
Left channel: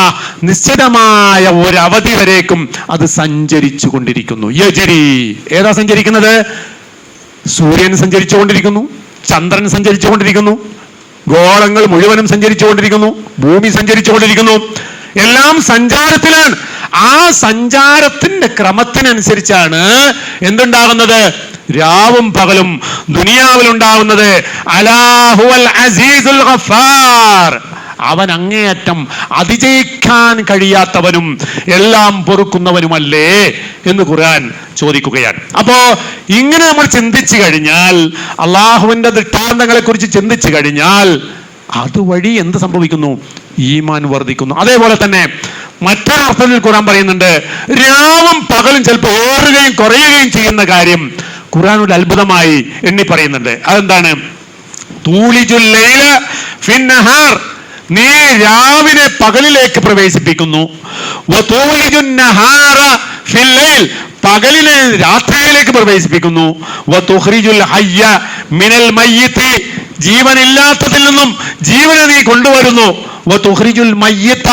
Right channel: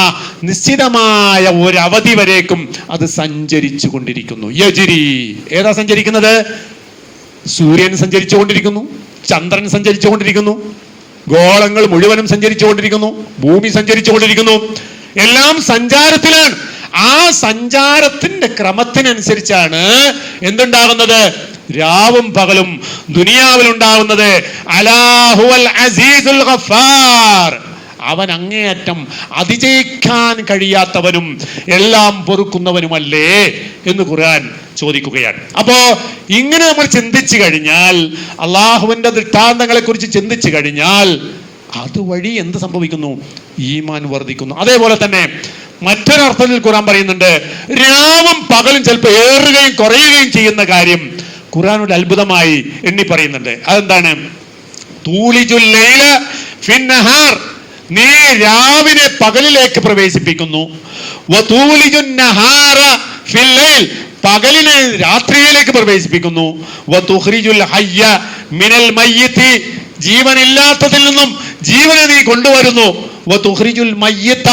നിശ്ചിതമായ ഒരു അവധി വരേക്കും അത് സഞ്ചരിച്ചു കൊണ്ടിരിക്കുന്നു. യജ്രി, ഏതാ സഞ്ചരിക്കുന്നത്? സൂര്യൻ സഞ്ചരിച്ചു കൊണ്ടിരിക്കുന്നു, ചന്ദ്രൻ സഞ്ചരിച്ചു കൊണ്ടിരിക്കുന്നു, ഗോളങ്ങൾ മുഴുവനും സഞ്ചരിച്ചു കൊണ്ടിരിക്കുന്നു, ഭൂമി സഞ്ചരിച്ചു കൊണ്ടിരിക്കുന്നു. എല്ലാം സഞ്ചാരത്തിലാണ്. ആ സഞ്ചാരത്തിന്റെ ക്രമത്തിനനുസരിച്ചാണ് എന്തുണ്ടാകുന്നത്? രാവും പകലും ദുനിയാവിലുണ്ടാകുന്നത്. അലാഹുവൽ അസീസുൽ ഗഫാർ, അവൻ അങ്ങേയറ്റം അതിജയിക്കാൻ കഴിയാത്തവനും എല്ലാം പൊറുക്കുന്നവനുമല്ലേ എന്ന് ഖുർആൻ ചോദിക്കുകയാണ്. അപ്പോ ഇങ്ങനെ നമ്മൾ ചിന്തിച്ചു കഴിഞ്ഞാൽ, അള്ളാഹുവിന്റെ ദൃഷ്ടാന്തങ്ങളെ കുറിച്ച് ചിന്തിച്ചു കഴിഞ്ഞാൽ അതുവഴി എന്ത് സംഭവിക്കുന്നു? ഈമാൻ വർദ്ധിക്കുന്നു. അതേപോലെ തന്നെ മറ്റൊരർത്ഥത്തിൽ ഖുർആൻ പറയുന്നുണ്ട്, രാവും പകലും ചിലപ്പോൾ ഏറുകയും കുറയുകയും ചെയ്യുന്ന കാര്യം ഖുർആനോട് അത്ഭുതമായി എണ്ണി പറയുന്നുണ്ട്. അതെന്താണ്? തൂലിജുൽ ലൈല ഫിൻ നഹാർ, നീ രാവിനെ പകലിലേക്ക് പ്രവേശിപ്പിക്കുന്നു. വതൂലിജുൻ നഹാറ ഫിൽ ലൈൽ, പകലിനെ രാത്രിയിലേക്ക് പ്രവേശിപ്പിക്കുന്നു. വതുഖ്രിജുൽ ഹയ്യ മിനൽ മയ്യിത്തി, ജീവനില്ലാത്തതിൽ നിന്നും ജീവനെ നീ കൊണ്ടുവരുന്നു. വതുഖ്രിജുൽ മയ്യിത്ത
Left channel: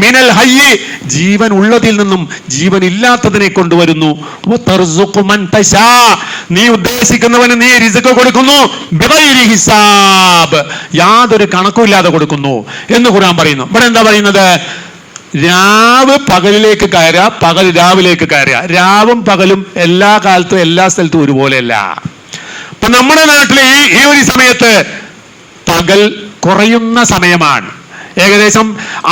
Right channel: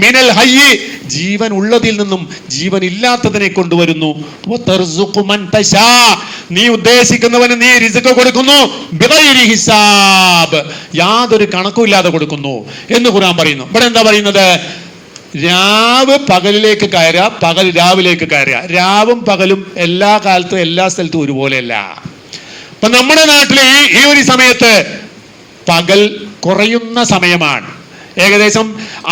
മിനൽ ഹയ്യി, ജീവൻ ഉള്ളതിൽ നിന്നും ജീവൻ ഇല്ലാത്തതിനെ കൊണ്ടുവരുന്നു. വതർസുഖു മൻ തശാ, നീ ഉദ്ദേശിക്കുന്നവന് നീ റിസ്ക് കൊടുക്കുന്നു. ബിഗൈരി ഹിസാബ്, യാതൊരു കണക്കുമില്ലാതെ കൊടുക്കുന്നു എന്ന് ഖുർആൻ പറയുന്നു. ഇവിടെ എന്താ പറയുന്നത്? രാവ് പകലിലേക്ക് കയറുക, പകൽ രാവിലേക്ക് കയറുക. രാവും പകലും എല്ലാ കാലത്തും എല്ലാ സ്ഥലത്തും ഒരുപോലെയല്ല. അപ്പൊ നമ്മുടെ നാട്ടിൽ ഈ ഒരു സമയത്ത് പകൽ കുറയുന്ന സമയമാണ്. ഏകദേശം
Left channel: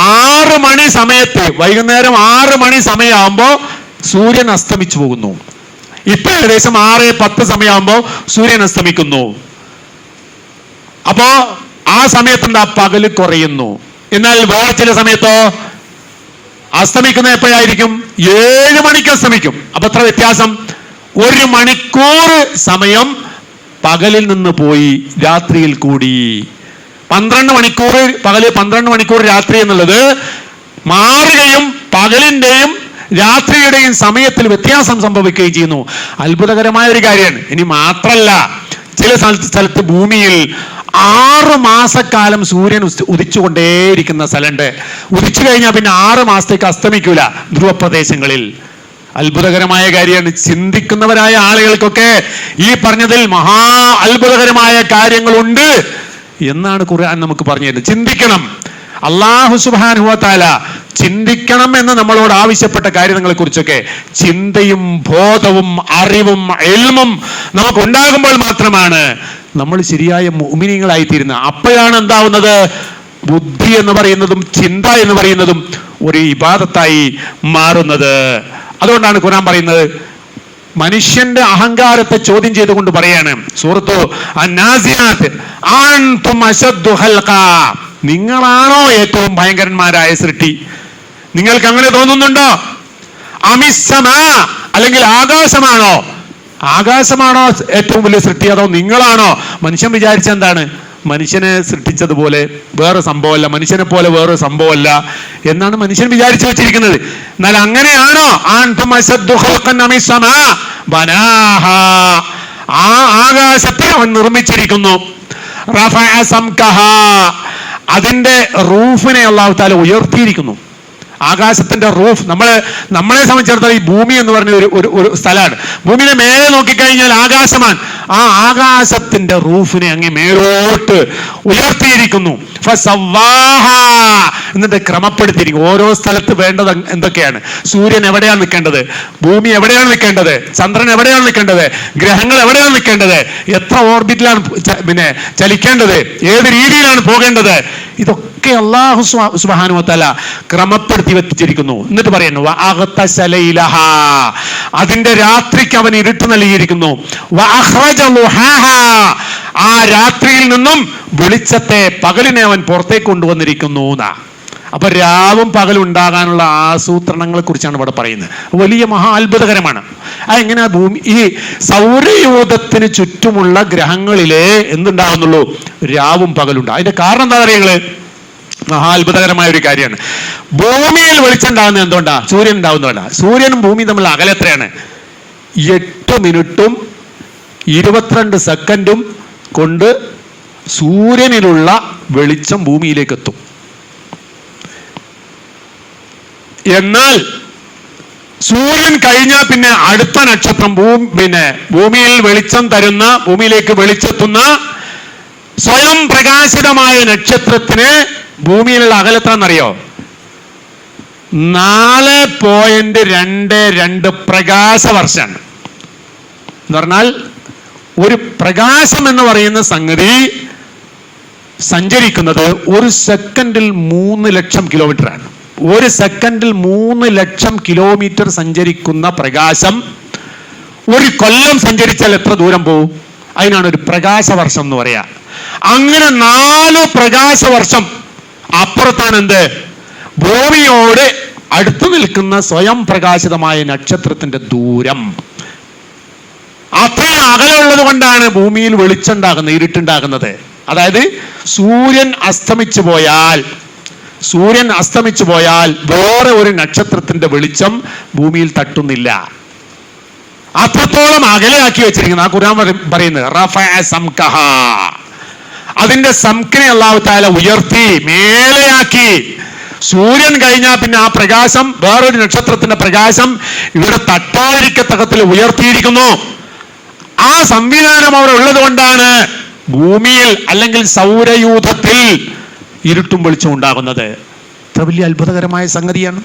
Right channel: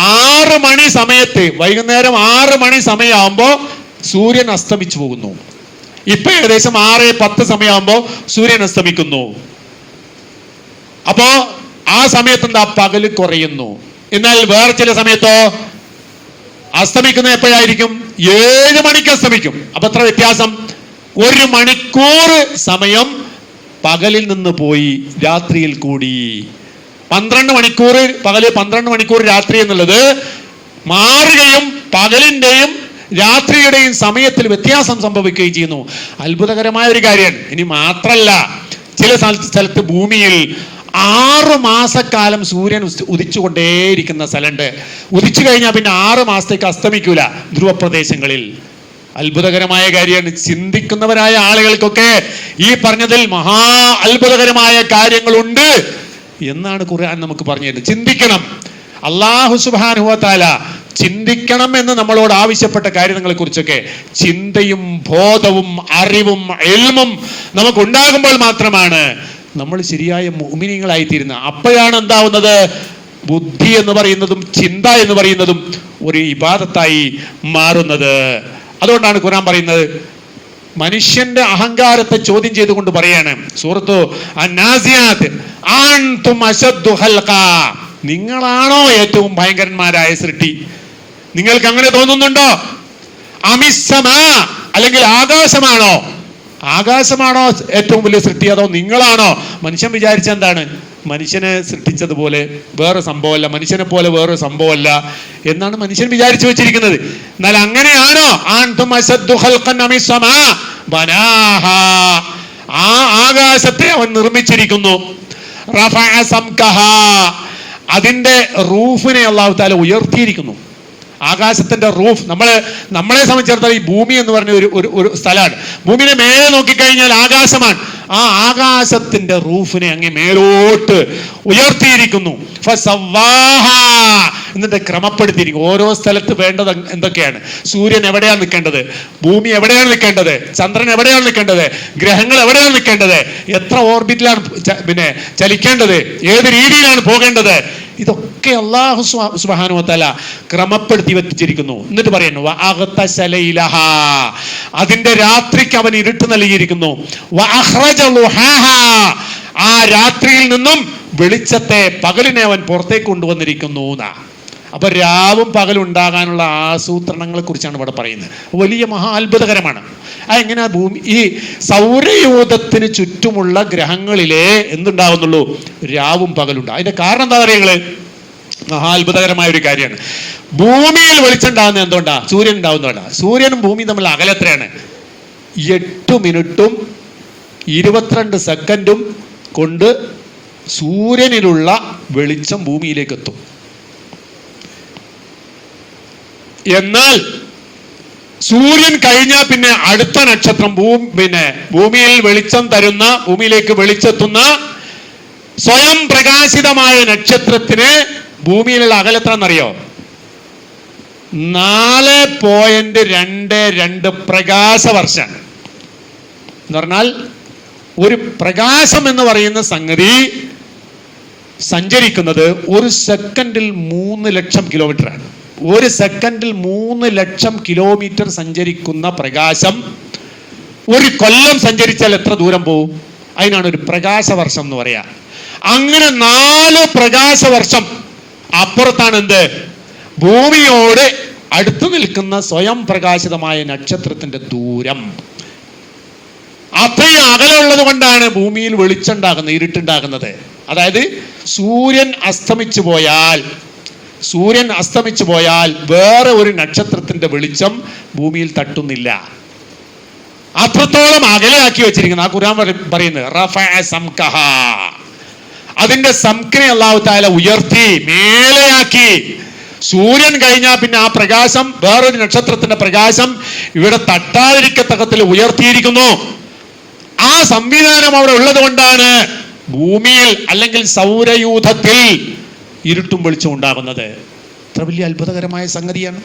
6 മണി സമയത്ത്, വൈകുന്നേരം 6 മണി സമയമാകുമ്പോ സൂര്യൻ അസ്തമിച്ചു പോകുന്നു. ഇപ്പൊ ഏകദേശം 6:10 സമയമാകുമ്പോ സൂര്യൻ അസ്തമിക്കുന്നു. അപ്പോ ആ സമയത്ത് എന്താ? പകല് കുറയുന്നു. എന്നാൽ വേറെ ചില സമയത്തോ അസ്തമിക്കുന്ന എപ്പോഴായിരിക്കും? 7 മണിക്ക് അസ്തമിക്കും. അപ്പൊ എത്ര വ്യത്യാസം? 1 മണിക്കൂർ സമയം പകലിൽ നിന്ന് പോയി രാത്രിയിൽ കൂടി. 12 മണിക്കൂർ പകല്, 12 മണിക്കൂർ രാത്രി എന്നുള്ളത് മാറുകയും പകലിന്റെയും രാത്രിയുടെയും സമയത്തിൽ വ്യത്യാസം സംഭവിക്കുകയും ചെയ്യുന്നു. അത്ഭുതകരമായ ഒരു കാര്യമാണ്. ഇനി മാത്രല്ല, ചില സ്ഥലത്ത് ഭൂമിയിൽ 6 മാസക്കാലം സൂര്യൻ ഉദിച്ചുകൊണ്ടേയിരിക്കുന്ന സ്ഥലമുണ്ട്. ഉദിച്ചു കഴിഞ്ഞാൽ പിന്നെ 6 മാസത്തേക്ക് അസ്തമിക്കൂല ധ്രുവപ്രദേശങ്ങളിൽ. അത്ഭുതകരമായ കാര്യമാണ്. ചിന്തിക്കുന്നവരായ ആളുകൾക്കൊക്കെ ഈ പറഞ്ഞതിൽ മഹാ അത്ഭുതകരമായ കാര്യങ്ങളുണ്ട് എന്നാണ് ഖുർആൻ നമുക്ക് പറഞ്ഞു തരുന്നത്. ചിന്തിക്കണം. അല്ലാഹു സുബ്ഹാനഹു വ തആല ചിന്തിക്കണം എന്ന് നമ്മളോട് ആവശ്യപ്പെട്ട കാര്യങ്ങളെ കുറിച്ചൊക്കെ ചിന്തയും ബോധവും അറിവും ഇൽമും നമുക്ക് ഉണ്ടാകുമ്പോൾ മാത്രമാണ് നമ്മൾ ശരിയായ മുഅ്മിനീങ്ങളായി തീരുന്നത്. അപ്പോഴാണ് എന്താവുന്നത്? ബുദ്ധി എന്ന് പറയുന്നതും ചിന്ത എന്ന് പറയുന്നതും ഒരു ഇബാദത്തായി മാറുന്നത്. അതുകൊണ്ടാണ് ഖുർആൻ പറയുന്നത്, മനുഷ്യന്റെ അഹങ്കാരത്തെ ചോദ്യം ചെയ്തുകൊണ്ട് പറയാണ് സൂറത്തു അന്നാസിയാത്ത്, അൻതും അശദ്ദു ഖൽഖാ, നിങ്ങളാണോ ഏറ്റവും ഭയങ്കരന്മാരായ സൃഷ്ടി? നിങ്ങൾക്ക് അങ്ങനെ തോന്നുന്നുണ്ടോ? അമിസ്സമാ, അല്ലെങ്കിൽ ആകാശമാണോ? ആകാശമാണോ ഏറ്റവും വലിയ സൃഷ്ടി, അതോ നിങ്ങളാണോ? മനുഷ്യൻ വിചാരിച്ച എന്താണ്? മനുഷ്യനെ സൃഷ്ടിച്ചതുപോലെ വേറെ സംഭവമല്ല, മനുഷ്യനെ പോലെ വേറെ സംഭവമല്ല എന്നാണ് മനുഷ്യൻ വിചാരിച്ചു വെച്ചിരിക്കുന്നത്. എന്നാൽ അങ്ങനെയാണോ? ആ ആകാശത്തെ അവൻ നിർമ്മിച്ചിരിക്കുന്നു. അതിന്റെ റൂഫിനെ അല്ലാഹു തആല ഉയർത്തിയിരിക്കുന്നു. ആകാശത്തിന്റെ റൂഫ്, നമ്മളെ സംബന്ധിച്ചിടത്തോളം ഈ ഭൂമി എന്ന് പറഞ്ഞ ഒരു സ്ഥലമാണ്. ഭൂമിയുടെ മേലെ നോക്കിക്കഴിഞ്ഞാൽ ആകാശമാണ്. ആ ആകാശത്തിന്റെ റൂഫിനെ അങ്ങ് മേലോട്ട് ഉയർത്തിയിരിക്കുന്നു. എന്നിട്ട് ക്രമപ്പെടുത്തിയിരിക്കും. ഓരോ സ്ഥലത്ത് വേണ്ടത് എന്തൊക്കെയാണ്? സൂര്യൻ എവിടെയാണ് നിൽക്കേണ്ടത്? ഭൂമി എവിടെയാണ് നിൽക്കേണ്ടത്? ചന്ദ്രൻ എവിടെയാണ് നിൽക്കേണ്ടത്? ഗ്രഹങ്ങൾ എവിടെയാണ് നിൽക്കേണ്ടത്? എത്ര ഓർബിറ്റിലാണ് ചലിക്കേണ്ടത്? ഏത് രീതിയിലാണ് പോകേണ്ടത്? ഇതൊക്കെ അല്ലാഹു സുബ്ഹാനഹു വ തആല ക്രമപ്പെടുത്തി വെച്ചിരിക്കുന്നു. എന്നിട്ട് പറയുന്നു, അതിന്റെ രാത്രിക്ക് അവൻ ഇരുട്ട് നൽകിയിരിക്കുന്നു. ആ രാത്രിയിൽ നിന്നും വെളിച്ചത്തെ, പകലിനെ അവൻ പുറത്തേക്ക് കൊണ്ടുവന്നിരിക്കുന്നു. അപ്പൊ രാവും പകലും ഉണ്ടാകാനുള്ള ആസൂത്രണങ്ങളെ കുറിച്ചാണ് ഇവിടെ പറയുന്നത്. വലിയ മഹാ അത്ഭുതകരമാണ്. എങ്ങനെ ഭൂമി, ഈ സൗരയൂഥത്തിന് ചുറ്റുമുള്ള ഗ്രഹങ്ങളിലെ എന്തുണ്ടാകുന്നുള്ളൂ? രാവും പകലുണ്ട്. അതിന്റെ കാരണം എന്താ പറയുക? മഹാ അത്ഭുതകരമായ ഒരു കാര്യമാണ്. ഭൂമിയിൽ വെളിച്ചം ഉണ്ടാകുന്നത് എന്തുകൊണ്ടാ? സൂര്യൻ ഉണ്ടാവുന്നതുകൊണ്ടാ. സൂര്യനും ഭൂമിയും തമ്മിൽ അകലെ എത്രയാണ്? 8 മിനിറ്റും 22 സെക്കൻഡും കൊണ്ട് സൂര്യനിലുള്ള വെളിച്ചം ഭൂമിയിലേക്ക് എത്തും. എന്നാൽ സൂര്യൻ കഴിഞ്ഞാൽ പിന്നെ അടുത്ത നക്ഷത്രം ഭൂമിയിൽ വെളിച്ചം തരുന്ന, ഭൂമിയിലേക്ക് വെളിച്ചെത്തുന്ന സ്വയം പ്രകാശിതമായ നക്ഷത്രത്തിന് ഭൂമിയിലുള്ള അകലത്താന്നറിയോ? 4.22 പ്രകാശവർഷം എന്ന് പറഞ്ഞാൽ ഒരു പ്രകാശം എന്ന് പറയുന്ന സംഗതി സഞ്ചരിക്കുന്നത് 1 സെക്കൻഡിൽ 3 ലക്ഷം കിലോമീറ്ററാണ്. 1 സെക്കൻഡിൽ 3 ലക്ഷം കിലോമീറ്റർ സഞ്ചരിക്കുന്ന പ്രകാശം 1 കൊല്ലം സഞ്ചരിച്ചാൽ എത്ര ദൂരം പോകും? അതിനാണ് ഒരു പ്രകാശവർഷം എന്ന് പറയാ. അങ്ങനെ 4 പ്രകാശവർഷം അപ്പുറത്താണ് എന്ത്? ഭൂമിയോട് അടുത്തു നിൽക്കുന്ന സ്വയം പ്രകാശിതമായ നക്ഷത്രത്തിന്റെ ദൂരം. അത്ര അകലുള്ളത് കൊണ്ടാണ് ഭൂമിയിൽ വെളിച്ചുണ്ടാകുന്നത്, ഇരുട്ടുണ്ടാകുന്നത്. അതായത് സൂര്യൻ അസ്തമിച്ചു പോയാൽ വേറെ ഒരു നക്ഷത്രത്തിന്റെ വെളിച്ചം ഭൂമിയിൽ തട്ടുന്നില്ല. അത്രത്തോളം അകലെയാക്കി വെച്ചിരിക്കുന്നത്. ആ ഖുർആൻ പറയുന്നത് അതിന്റെ സംഖ്യ അല്ലാഹു തആല ഉയർത്തി മേലെയാക്കി. സൂര്യൻ കഴിഞ്ഞാൽ പിന്നെ ആ പ്രകാശം, വേറൊരു നക്ഷത്രത്തിന്റെ പ്രകാശം ഇവിടെ തട്ടാതിരിക്കത്തക്കത്തിൽ ഉയർത്തിയിരിക്കുന്നു. ആ സംവിധാനം അവിടെ ഉള്ളത് കൊണ്ടാണ് ഭൂമിയിൽ അല്ലെങ്കിൽ സൗരയൂഥത്തിൽ ഇരുട്ടും വെളിച്ചം ഉണ്ടാകുന്നത്. ഇത്ര വലിയ അത്ഭുതകരമായ സംഗതിയാണ്.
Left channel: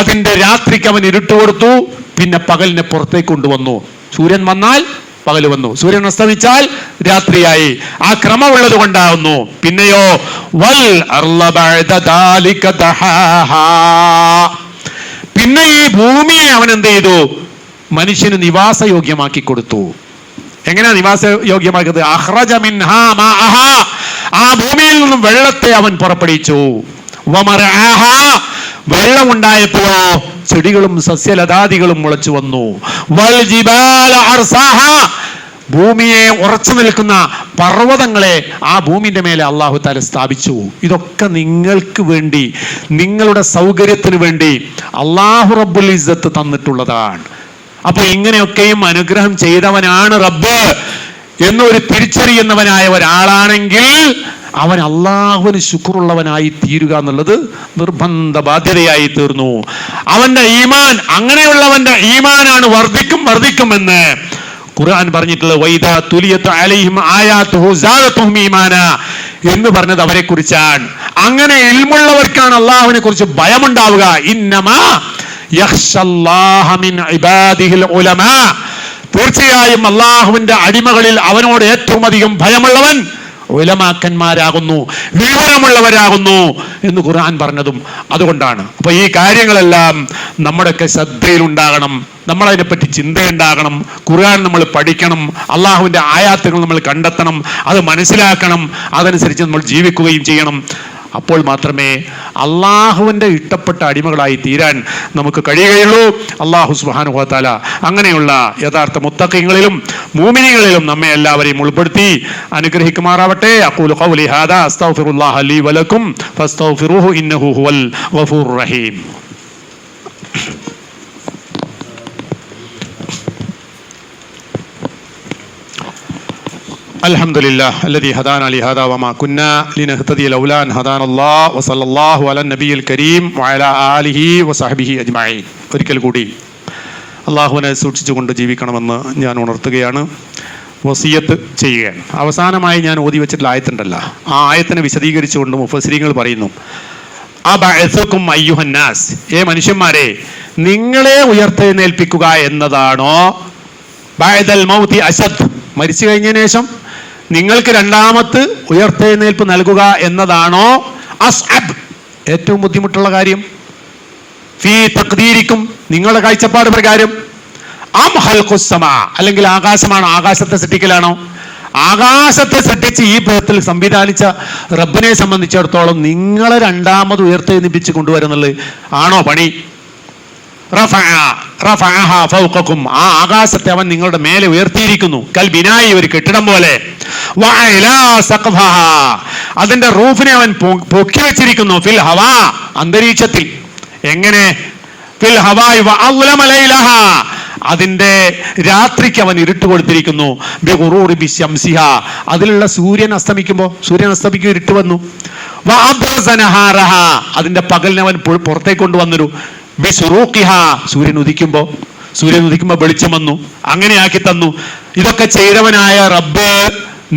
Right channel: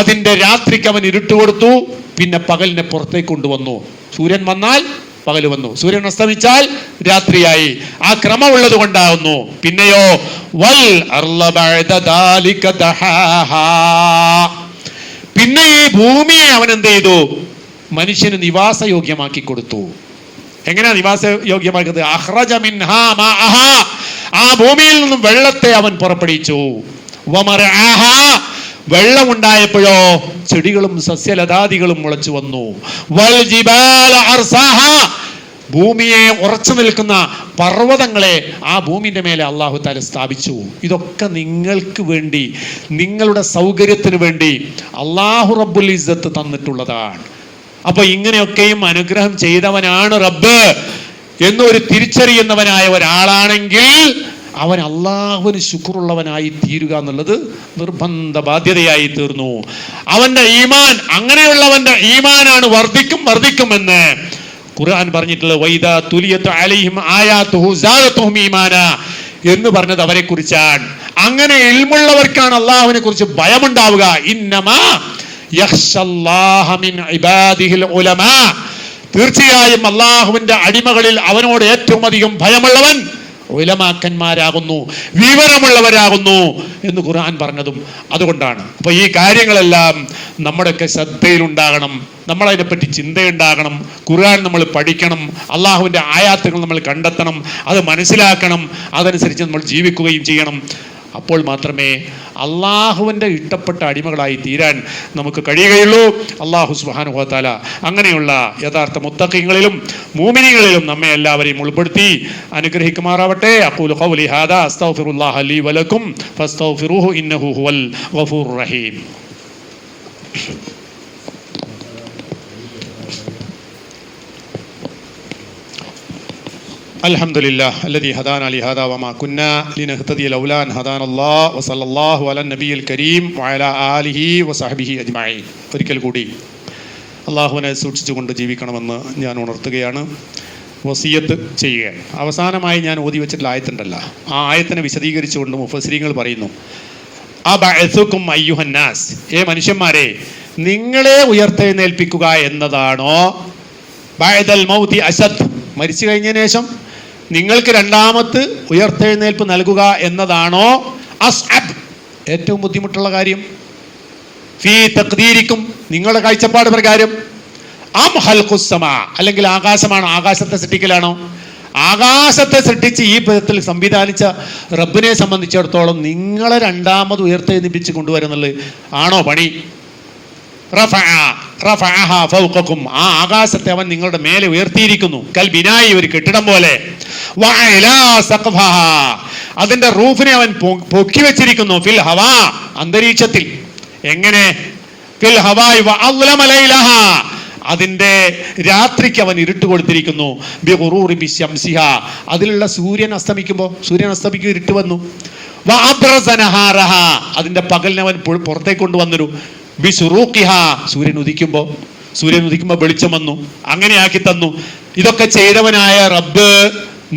അതിന്റെ രാത്രിക്ക് അവൻ ഇരുട്ട് കൊടുത്തു, പിന്നെ പകലിനെ പുറത്തേക്ക് കൊണ്ടുവന്നു. സൂര്യൻ വന്നാൽ പകൽ വന്നു, സൂര്യൻ അസ്തമിച്ചാൽ രാത്രിയായി. ആ ക്രമം ഉള്ളത് കൊണ്ടാകുന്നു. പിന്നെയോ പിന്നെ ഈ ഭൂമിയെ അവൻ എന്ത് ചെയ്തു? മനുഷ്യന് നിവാസയോഗ്യമാക്കി കൊടുത്തു. എങ്ങനെയാ നിവാസയോഗ്യമാക്കിയത്? ആ ഭൂമിയിൽ നിന്നും വെള്ളത്തെ അവൻ പുറപ്പെടുവിച്ചു. വമർആഹ, വെള്ളം ഉണ്ടായപ്പോഴോ ചെടികളും സസ്യലതാദികളും മുളച്ചു വന്നു. വൽ ജിബാല അർസാഹ, ഭൂമിയെ ഉറച്ചു നിൽക്കുന്ന പർവ്വതങ്ങളെ ആ ഭൂമിന്റെ മേലെ അല്ലാഹു തആല സ്ഥാപിച്ചു. ഇതൊക്കെ നിങ്ങൾക്ക് വേണ്ടി, നിങ്ങളുടെ സൗകര്യത്തിന് വേണ്ടി അല്ലാഹു റബ്ബുൽ ഇസ്സത്ത് തന്നിട്ടുള്ളതാണ്. അപ്പൊ ഇങ്ങനെയൊക്കെയും അനുഗ്രഹം ചെയ്തവനാണ് റബ്ബ് എന്നൊരു തിരിച്ചറിയുന്നവനായ ഒരാളാണെങ്കിൽ അവൻ അള്ളാഹുവിന് ശുക്റുള്ളവനായി തീരുക എന്നുള്ളത് നിർബന്ധ ബാധ്യതയായി തീർന്നു. അവന്റെ ഈമാൻ, അങ്ങനെയുള്ളവന്റെ ഈമാനാണ് വർദ്ധിക്കുമെന്ന് ഖുർആൻ പറഞ്ഞിട്ടുള്ളത്. വൈദാ തുലിയത്ത് അലൈഹിം ആയാതുഹു സാദതുഹും ഈമാന എന്ന് പറഞ്ഞത് അവരെ കുറിച്ചാണ്. അങ്ങനെ ഇൽമുള്ളവർക്കാണ് അള്ളാഹുവിനെ കുറിച്ച് ഭയമുണ്ടാവുക. ഇന്നമാ യഖ്ശല്ലാഹ മിൻ ഇബാദിഹിൽ ഉലമാ, തീർച്ചയായും അള്ളാഹുവിന്റെ അടിമകളിൽ അവനോട് ഏറ്റവും അധികം ഭയമുള്ളവൻ ഉലമാക്കന്മാരാകുന്നു, വിവരമുള്ളവരാകുന്നു എന്ന് ഖുർആൻ പറഞ്ഞതും അതുകൊണ്ടാണ്. അപ്പൊ ഈ കാര്യങ്ങളെല്ലാം നമ്മുടെയൊക്കെ ശ്രദ്ധയിലുണ്ടാകണം, നമ്മളതിനെപ്പറ്റി ചിന്തയുണ്ടാകണം, ഖുർആൻ നമ്മൾ പഠിക്കണം, അള്ളാഹുവിന്റെ ആയാത്തുകൾ നമ്മൾ കണ്ടെത്തണം, അത് മനസ്സിലാക്കണം, അതനുസരിച്ച് നമ്മൾ ജീവിക്കുകയും ചെയ്യണം. അപ്പോൾ മാത്രമേ അള്ളാഹുവിൻ്റെ ഇഷ്ടപ്പെട്ട അടിമകളായി തീരാൻ നമുക്ക് കഴിയുകയുള്ളൂ. അള്ളാഹു സുബ്ഹാനഹു വ തആല അങ്ങനെയുള്ള യഥാർത്ഥ മുത്തഖീങ്ങളിലും മുഅ്മിനീങ്ങളിലും നമ്മെ എല്ലാവരെയും ഉൾപ്പെടുത്തി അനുഗ്രഹിക്കുമാറാവട്ടെ. അഖൂലു ഖൗലി ഹാദാ അസ്തഗ്ഫിറുല്ലാഹ ലീ വലക്കും ഫസ്തഗ്ഫിറൂഹു ഇന്നഹു ഹുവൽ ഗഫൂറുർ റഹീം. അൽഹംദുലില്ലാഹ് അല്ലദീ ഹദാനാ ലിഹാദാ വമാ കുന്നാ ലിനഹ്തദിയ ലൗലാ അൻ ഹദാനല്ലാഹ് വസല്ലല്ലാഹു അലൻ നബിയിൽ കരീം വഅലാ ആലിഹി വസഹ്ബിഹി അജ്മഈൻ. ഒരിക്കൽ കൂടി അള്ളാഹുവിനെ സൂക്ഷിച്ചുകൊണ്ട് ജീവിക്കണമെന്ന് ഞാൻ ഉണർത്തുകയാണ്, വസിയത്ത് ചെയ്യുകയാണ്. അവസാനമായി ഞാൻ ഓതി വെച്ചിട്ടുള്ള ആയത്തുണ്ടല്ലോ, ആ ആയത്തിനെ വിശദീകരിച്ചുകൊണ്ട് മുഫസ്സിരീങ്ങൾ പറയുന്നു, അബഅസുകും അയ്യുഹന്നാസ്, മനുഷ്യന്മാരെ, നിങ്ങളെ ഉയർത്തെഴുന്നേൽപ്പിക്കുക എന്നതാണോ ബഅദൽ മൗതി അശദ്, മരിച്ചു കഴിഞ്ഞതിന് ശേഷം നിങ്ങൾക്ക് രണ്ടാമത്തെ ഉയർത്തെഴുന്നേൽപ്പ് നൽകുക എന്നതാണോ അസ്അബ്, ഏറ്റവും ബുദ്ധിമുട്ടുള്ള കാര്യം? ഫീ തഖ്ദീരിക്കും, നിങ്ങളുടെ കാഴ്ചപ്പാട് പ്രകാരം. അം ഖൽഖുസ് സമാ, അല്ലെങ്കിൽ ആകാശമാണോ, ആകാശത്തെ സൃഷ്ടിക്കലാണോ? ആകാശത്തെ സൃഷ്ടിച്ച് ഈ പദത്തിൽ സംവിധാനിച്ച റബ്ബിനെ സംബന്ധിച്ചിടത്തോളം നിങ്ങളെ രണ്ടാമത് ഉയർത്തെഴുന്നേൽപ്പിച്ച് കൊണ്ടുവരുന്നുള്ളത് ആണോ പണി? ആ ആകാശത്തെ അവൻ നിങ്ങളുടെ മേലെ ഉയർത്തിയിരിക്കുന്നു. കൽ ബിനായി, ഒരു കെട്ടിടം പോലെ. അതിന്റെ റൂഫിനെ അവൻ പൊക്കി വെച്ചിരിക്കുന്നു. ഫിൽ ഹവാ, അന്തരീക്ഷത്തിൽ. എങ്ങനെ? ഫിൽ ഹവായി വഅളമലൈലഹ, അതിന്റെ രാത്രിക്ക് അവൻ ഇരുട്ട് കൊടുത്തിരിക്കുന്നു. ബിഗുറൂറി ബിശംസിഹ, അതിലുള്ള സൂര്യൻ അസ്തമിക്കും ഇരുട്ട് വന്നു. വഅബ്റസനഹാറഹ, അതിന്റെ പകലിനെ അവൻ പുറത്തേക്ക് കൊണ്ടുവന്നൊരു ബിസുറൂഖിഹ, സൂര്യൻ ഉദിക്കുമ്പോൾ വെളിച്ചം വന്നു, അങ്ങനെ ആക്കി തന്നു. ഇതൊക്കെ ചെയ്തവനായ റബ്ബ്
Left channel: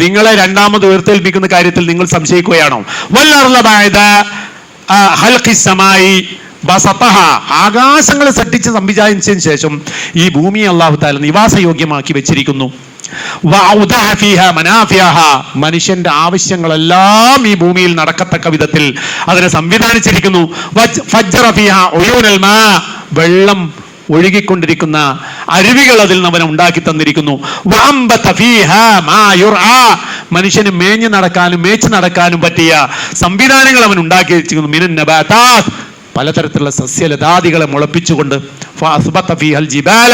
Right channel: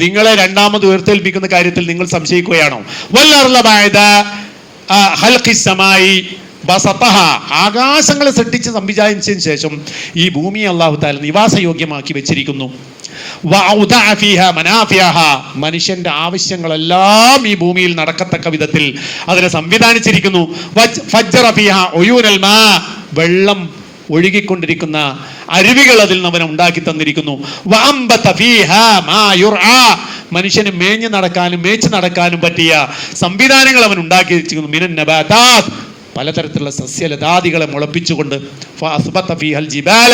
നിങ്ങളെ രണ്ടാമത് ഉയർത്തെൽപ്പിക്കുന്ന കാര്യത്തിൽ നിങ്ങൾ സംശയിക്കുകയാണോ? വല്ലർള ബഅദ ഖൽഖിസ് സമായി ബസതഹ, ആകാശങ്ങളെ സൃഷ്ടിച്ച് സംവിധാനിച്ചതിന് ശേഷം ഈ ഭൂമിയെ അല്ലാഹു തആല നിവാസയോഗ്യമാക്കി വെച്ചിരിക്കുന്നു. വഅൗദഅ ഫീഹാ മനാഫിഅഹ, മനുഷ്യന്റെ ആവശ്യങ്ങളെല്ലാം ഈ ഭൂമിയിൽ നടക്കത്തക്ക വിധത്തിൽ അതിനെ സംവിധാനിച്ചിരിക്കുന്നു. ഫജ്ജറ ഫീഹാ ഉയൂനൽ മാ, വെള്ളം ഒഴുകിക്കൊണ്ടിരിക്കുന്ന അരുവികൾ അതിൽ നിന്ന് അവൻ ഉണ്ടാക്കി തന്നിരിക്കുന്നു. വഅംബത ഫീഹാ മാ യുർആ, മനുഷ്യന് മേച്ചു നടക്കാനും പറ്റിയ സംവിധാനങ്ങൾ അവൻ ഉണ്ടാക്കി വെച്ചിരിക്കുന്നു. മിനൻ നബാതാത്ത്, പലതരത്തിലുള്ള സസ്യലതാദികളെ മുളപ്പിച്ചുകൊണ്ട്. ജിബാല,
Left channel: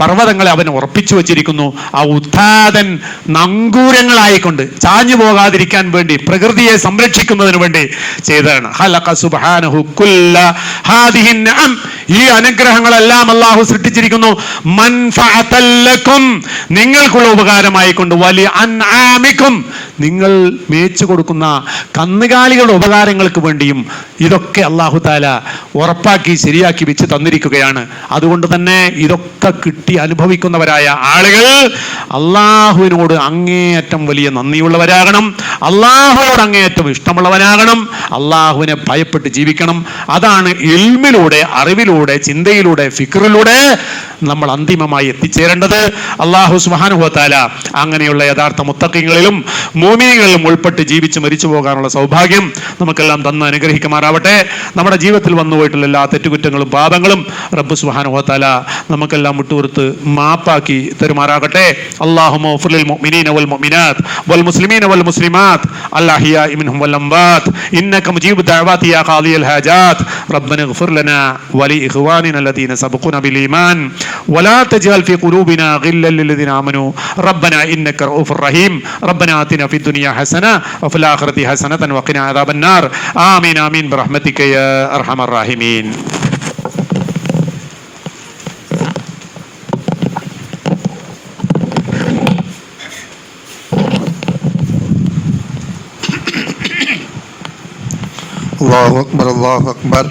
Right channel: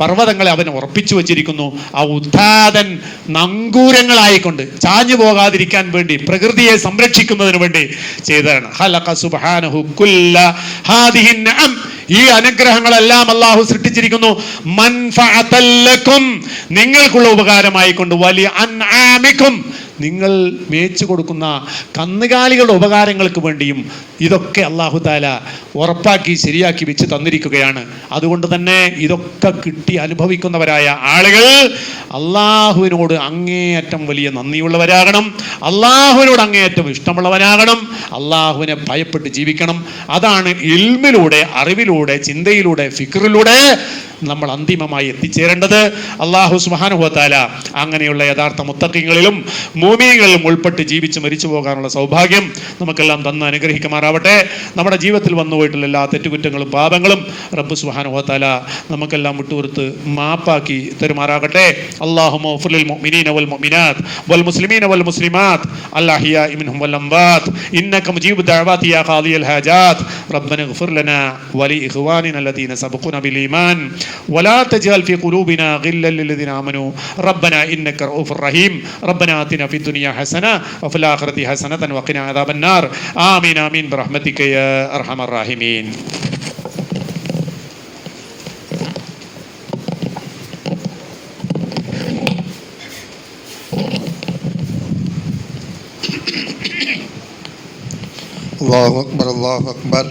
പർവ്വതങ്ങളെ അവൻ ഉറപ്പിച്ചു വച്ചിരിക്കുന്നു. ആ ഉദ്ധാതൻ നങ്കൂരങ്ങളായിക്കൊണ്ട് ചാഞ്ഞു പോകാതിരിക്കാൻ വേണ്ടി, പ്രകൃതിയെ സംരക്ഷിക്കുന്നതിന് വേണ്ടി ചെയ്തതാണ്. ഖലഖ സുബ്ഹാനഹു കുല്ല ഹാദിഹി നിഅം, ഈ അനുഗ്രഹങ്ങളെല്ലാം അല്ലാഹു സൃഷ്ടിച്ചിരിക്കുന്നു. മൻഫഅതൻ ലക്കും, നിങ്ങൾക്കുള്ള ഉപകാരമായിക്കൊണ്ട്. വലി അൻആമിക്കും, നിങ്ങൾ മേച്ചു കൊടുക്കുന്ന കന്നുകാലികളുടെ ഉപകാരങ്ങൾക്ക് വേണ്ടിയും ഇതൊക്കെ അല്ലാഹു തആല ഉറപ്പാക്കി ശരിയാക്കി വെച്ച് തന്നിരിക്കുകയാണ്. അതുകൊണ്ട് തന്നെ ഇതൊക്കെ കിട്ടി അനുഭവിക്കുന്നവരായ ആളുകൾ അള്ളാഹുവിനോട് അങ്ങേയറ്റം വലിയ നന്ദിയുള്ളവരാകണം, അള്ളാഹുവിനോട് അങ്ങേയറ്റം ഇഷ്ടമുള്ളവരാകണം, അള്ളാഹുവിനെ ഭയപ്പെട്ട് ജീവിക്കണം. അതാണ് ഇൽമിലൂടെ, അറിവിലൂടെ, ചിന്തയിലൂടെ, ഫിക്റിലൂടെ നമ്മൾ അന്തിമമായി എത്തിച്ചേരേണ്ടത്. അല്ലാഹു സുബ്ഹാനഹു വ തആല അങ്ങനെയുള്ള യഥാർത്ഥ മുത്തഖീങ്ങളിലും മുഅ്മിനീങ്ങളിലും ഉൾപ്പെട്ട് ജീവിച്ച് മരിച്ചു പോകാനുള്ള സൗഭാഗ്യം നമുക്കെല്ലാം തന്ന് അനുഗ്രഹിക്കുമാറാവട്ടെ. നമ്മുടെ ജീവിതത്തിൽ വന്നുപോയിട്ടുള്ള എല്ലാ തെറ്റുകുറ്റങ്ങളും പാപങ്ങളും റബ്ബ് സുബ്ഹാനഹു വ തആല നമുക്കെല്ലാം വിട്ടുകൊടുത്ത് മാപ്പാക്കി തരുമാറാകട്ടെ. അല്ലാഹുമ്മ ഗ്ഫിർ ലിൽ മുഅ്മിനീന വൽ മുഅ്മിനാത്ത് വൽ മുസ്ലിമീന വൽ മുസ്ലിമാത്ത് അൽ അഹ്യാഇ മിൻഹും വൽ അംവാത്ത് ഇന്നക മുജീബു ദഅവാതി യാ ഖാദിയൽ ഹാജാത്ത് റബ്ബന ഗ്ഫിർ ലനാ വലി ഇഖ്വാനിന الذين سبقونا بالإيمان ولا تجعل في قلوبنا غلا للذين آمنوا ربنا إنك رؤوف رحيم ربنا آتنا في الدنيا حسنة وفي الآخرة حسنة وقنا عذاب النار آمين آمين برحمتك يا أرحم الراحمين. الله أكبر الله أكبر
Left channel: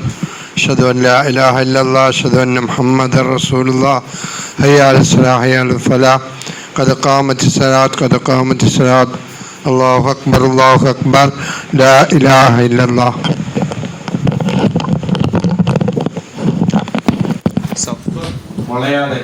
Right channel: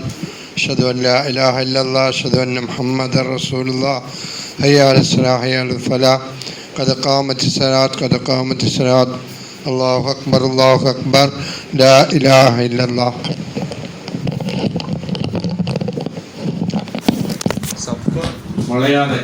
أشهد أن لا إله إلا الله أشهد أن محمد رسول الله هيا على الصلاة هيا على الفلاح قد قامت الصلاة قد قامت الصلاة الله أكبر لا إله إلا الله. വളയാതെ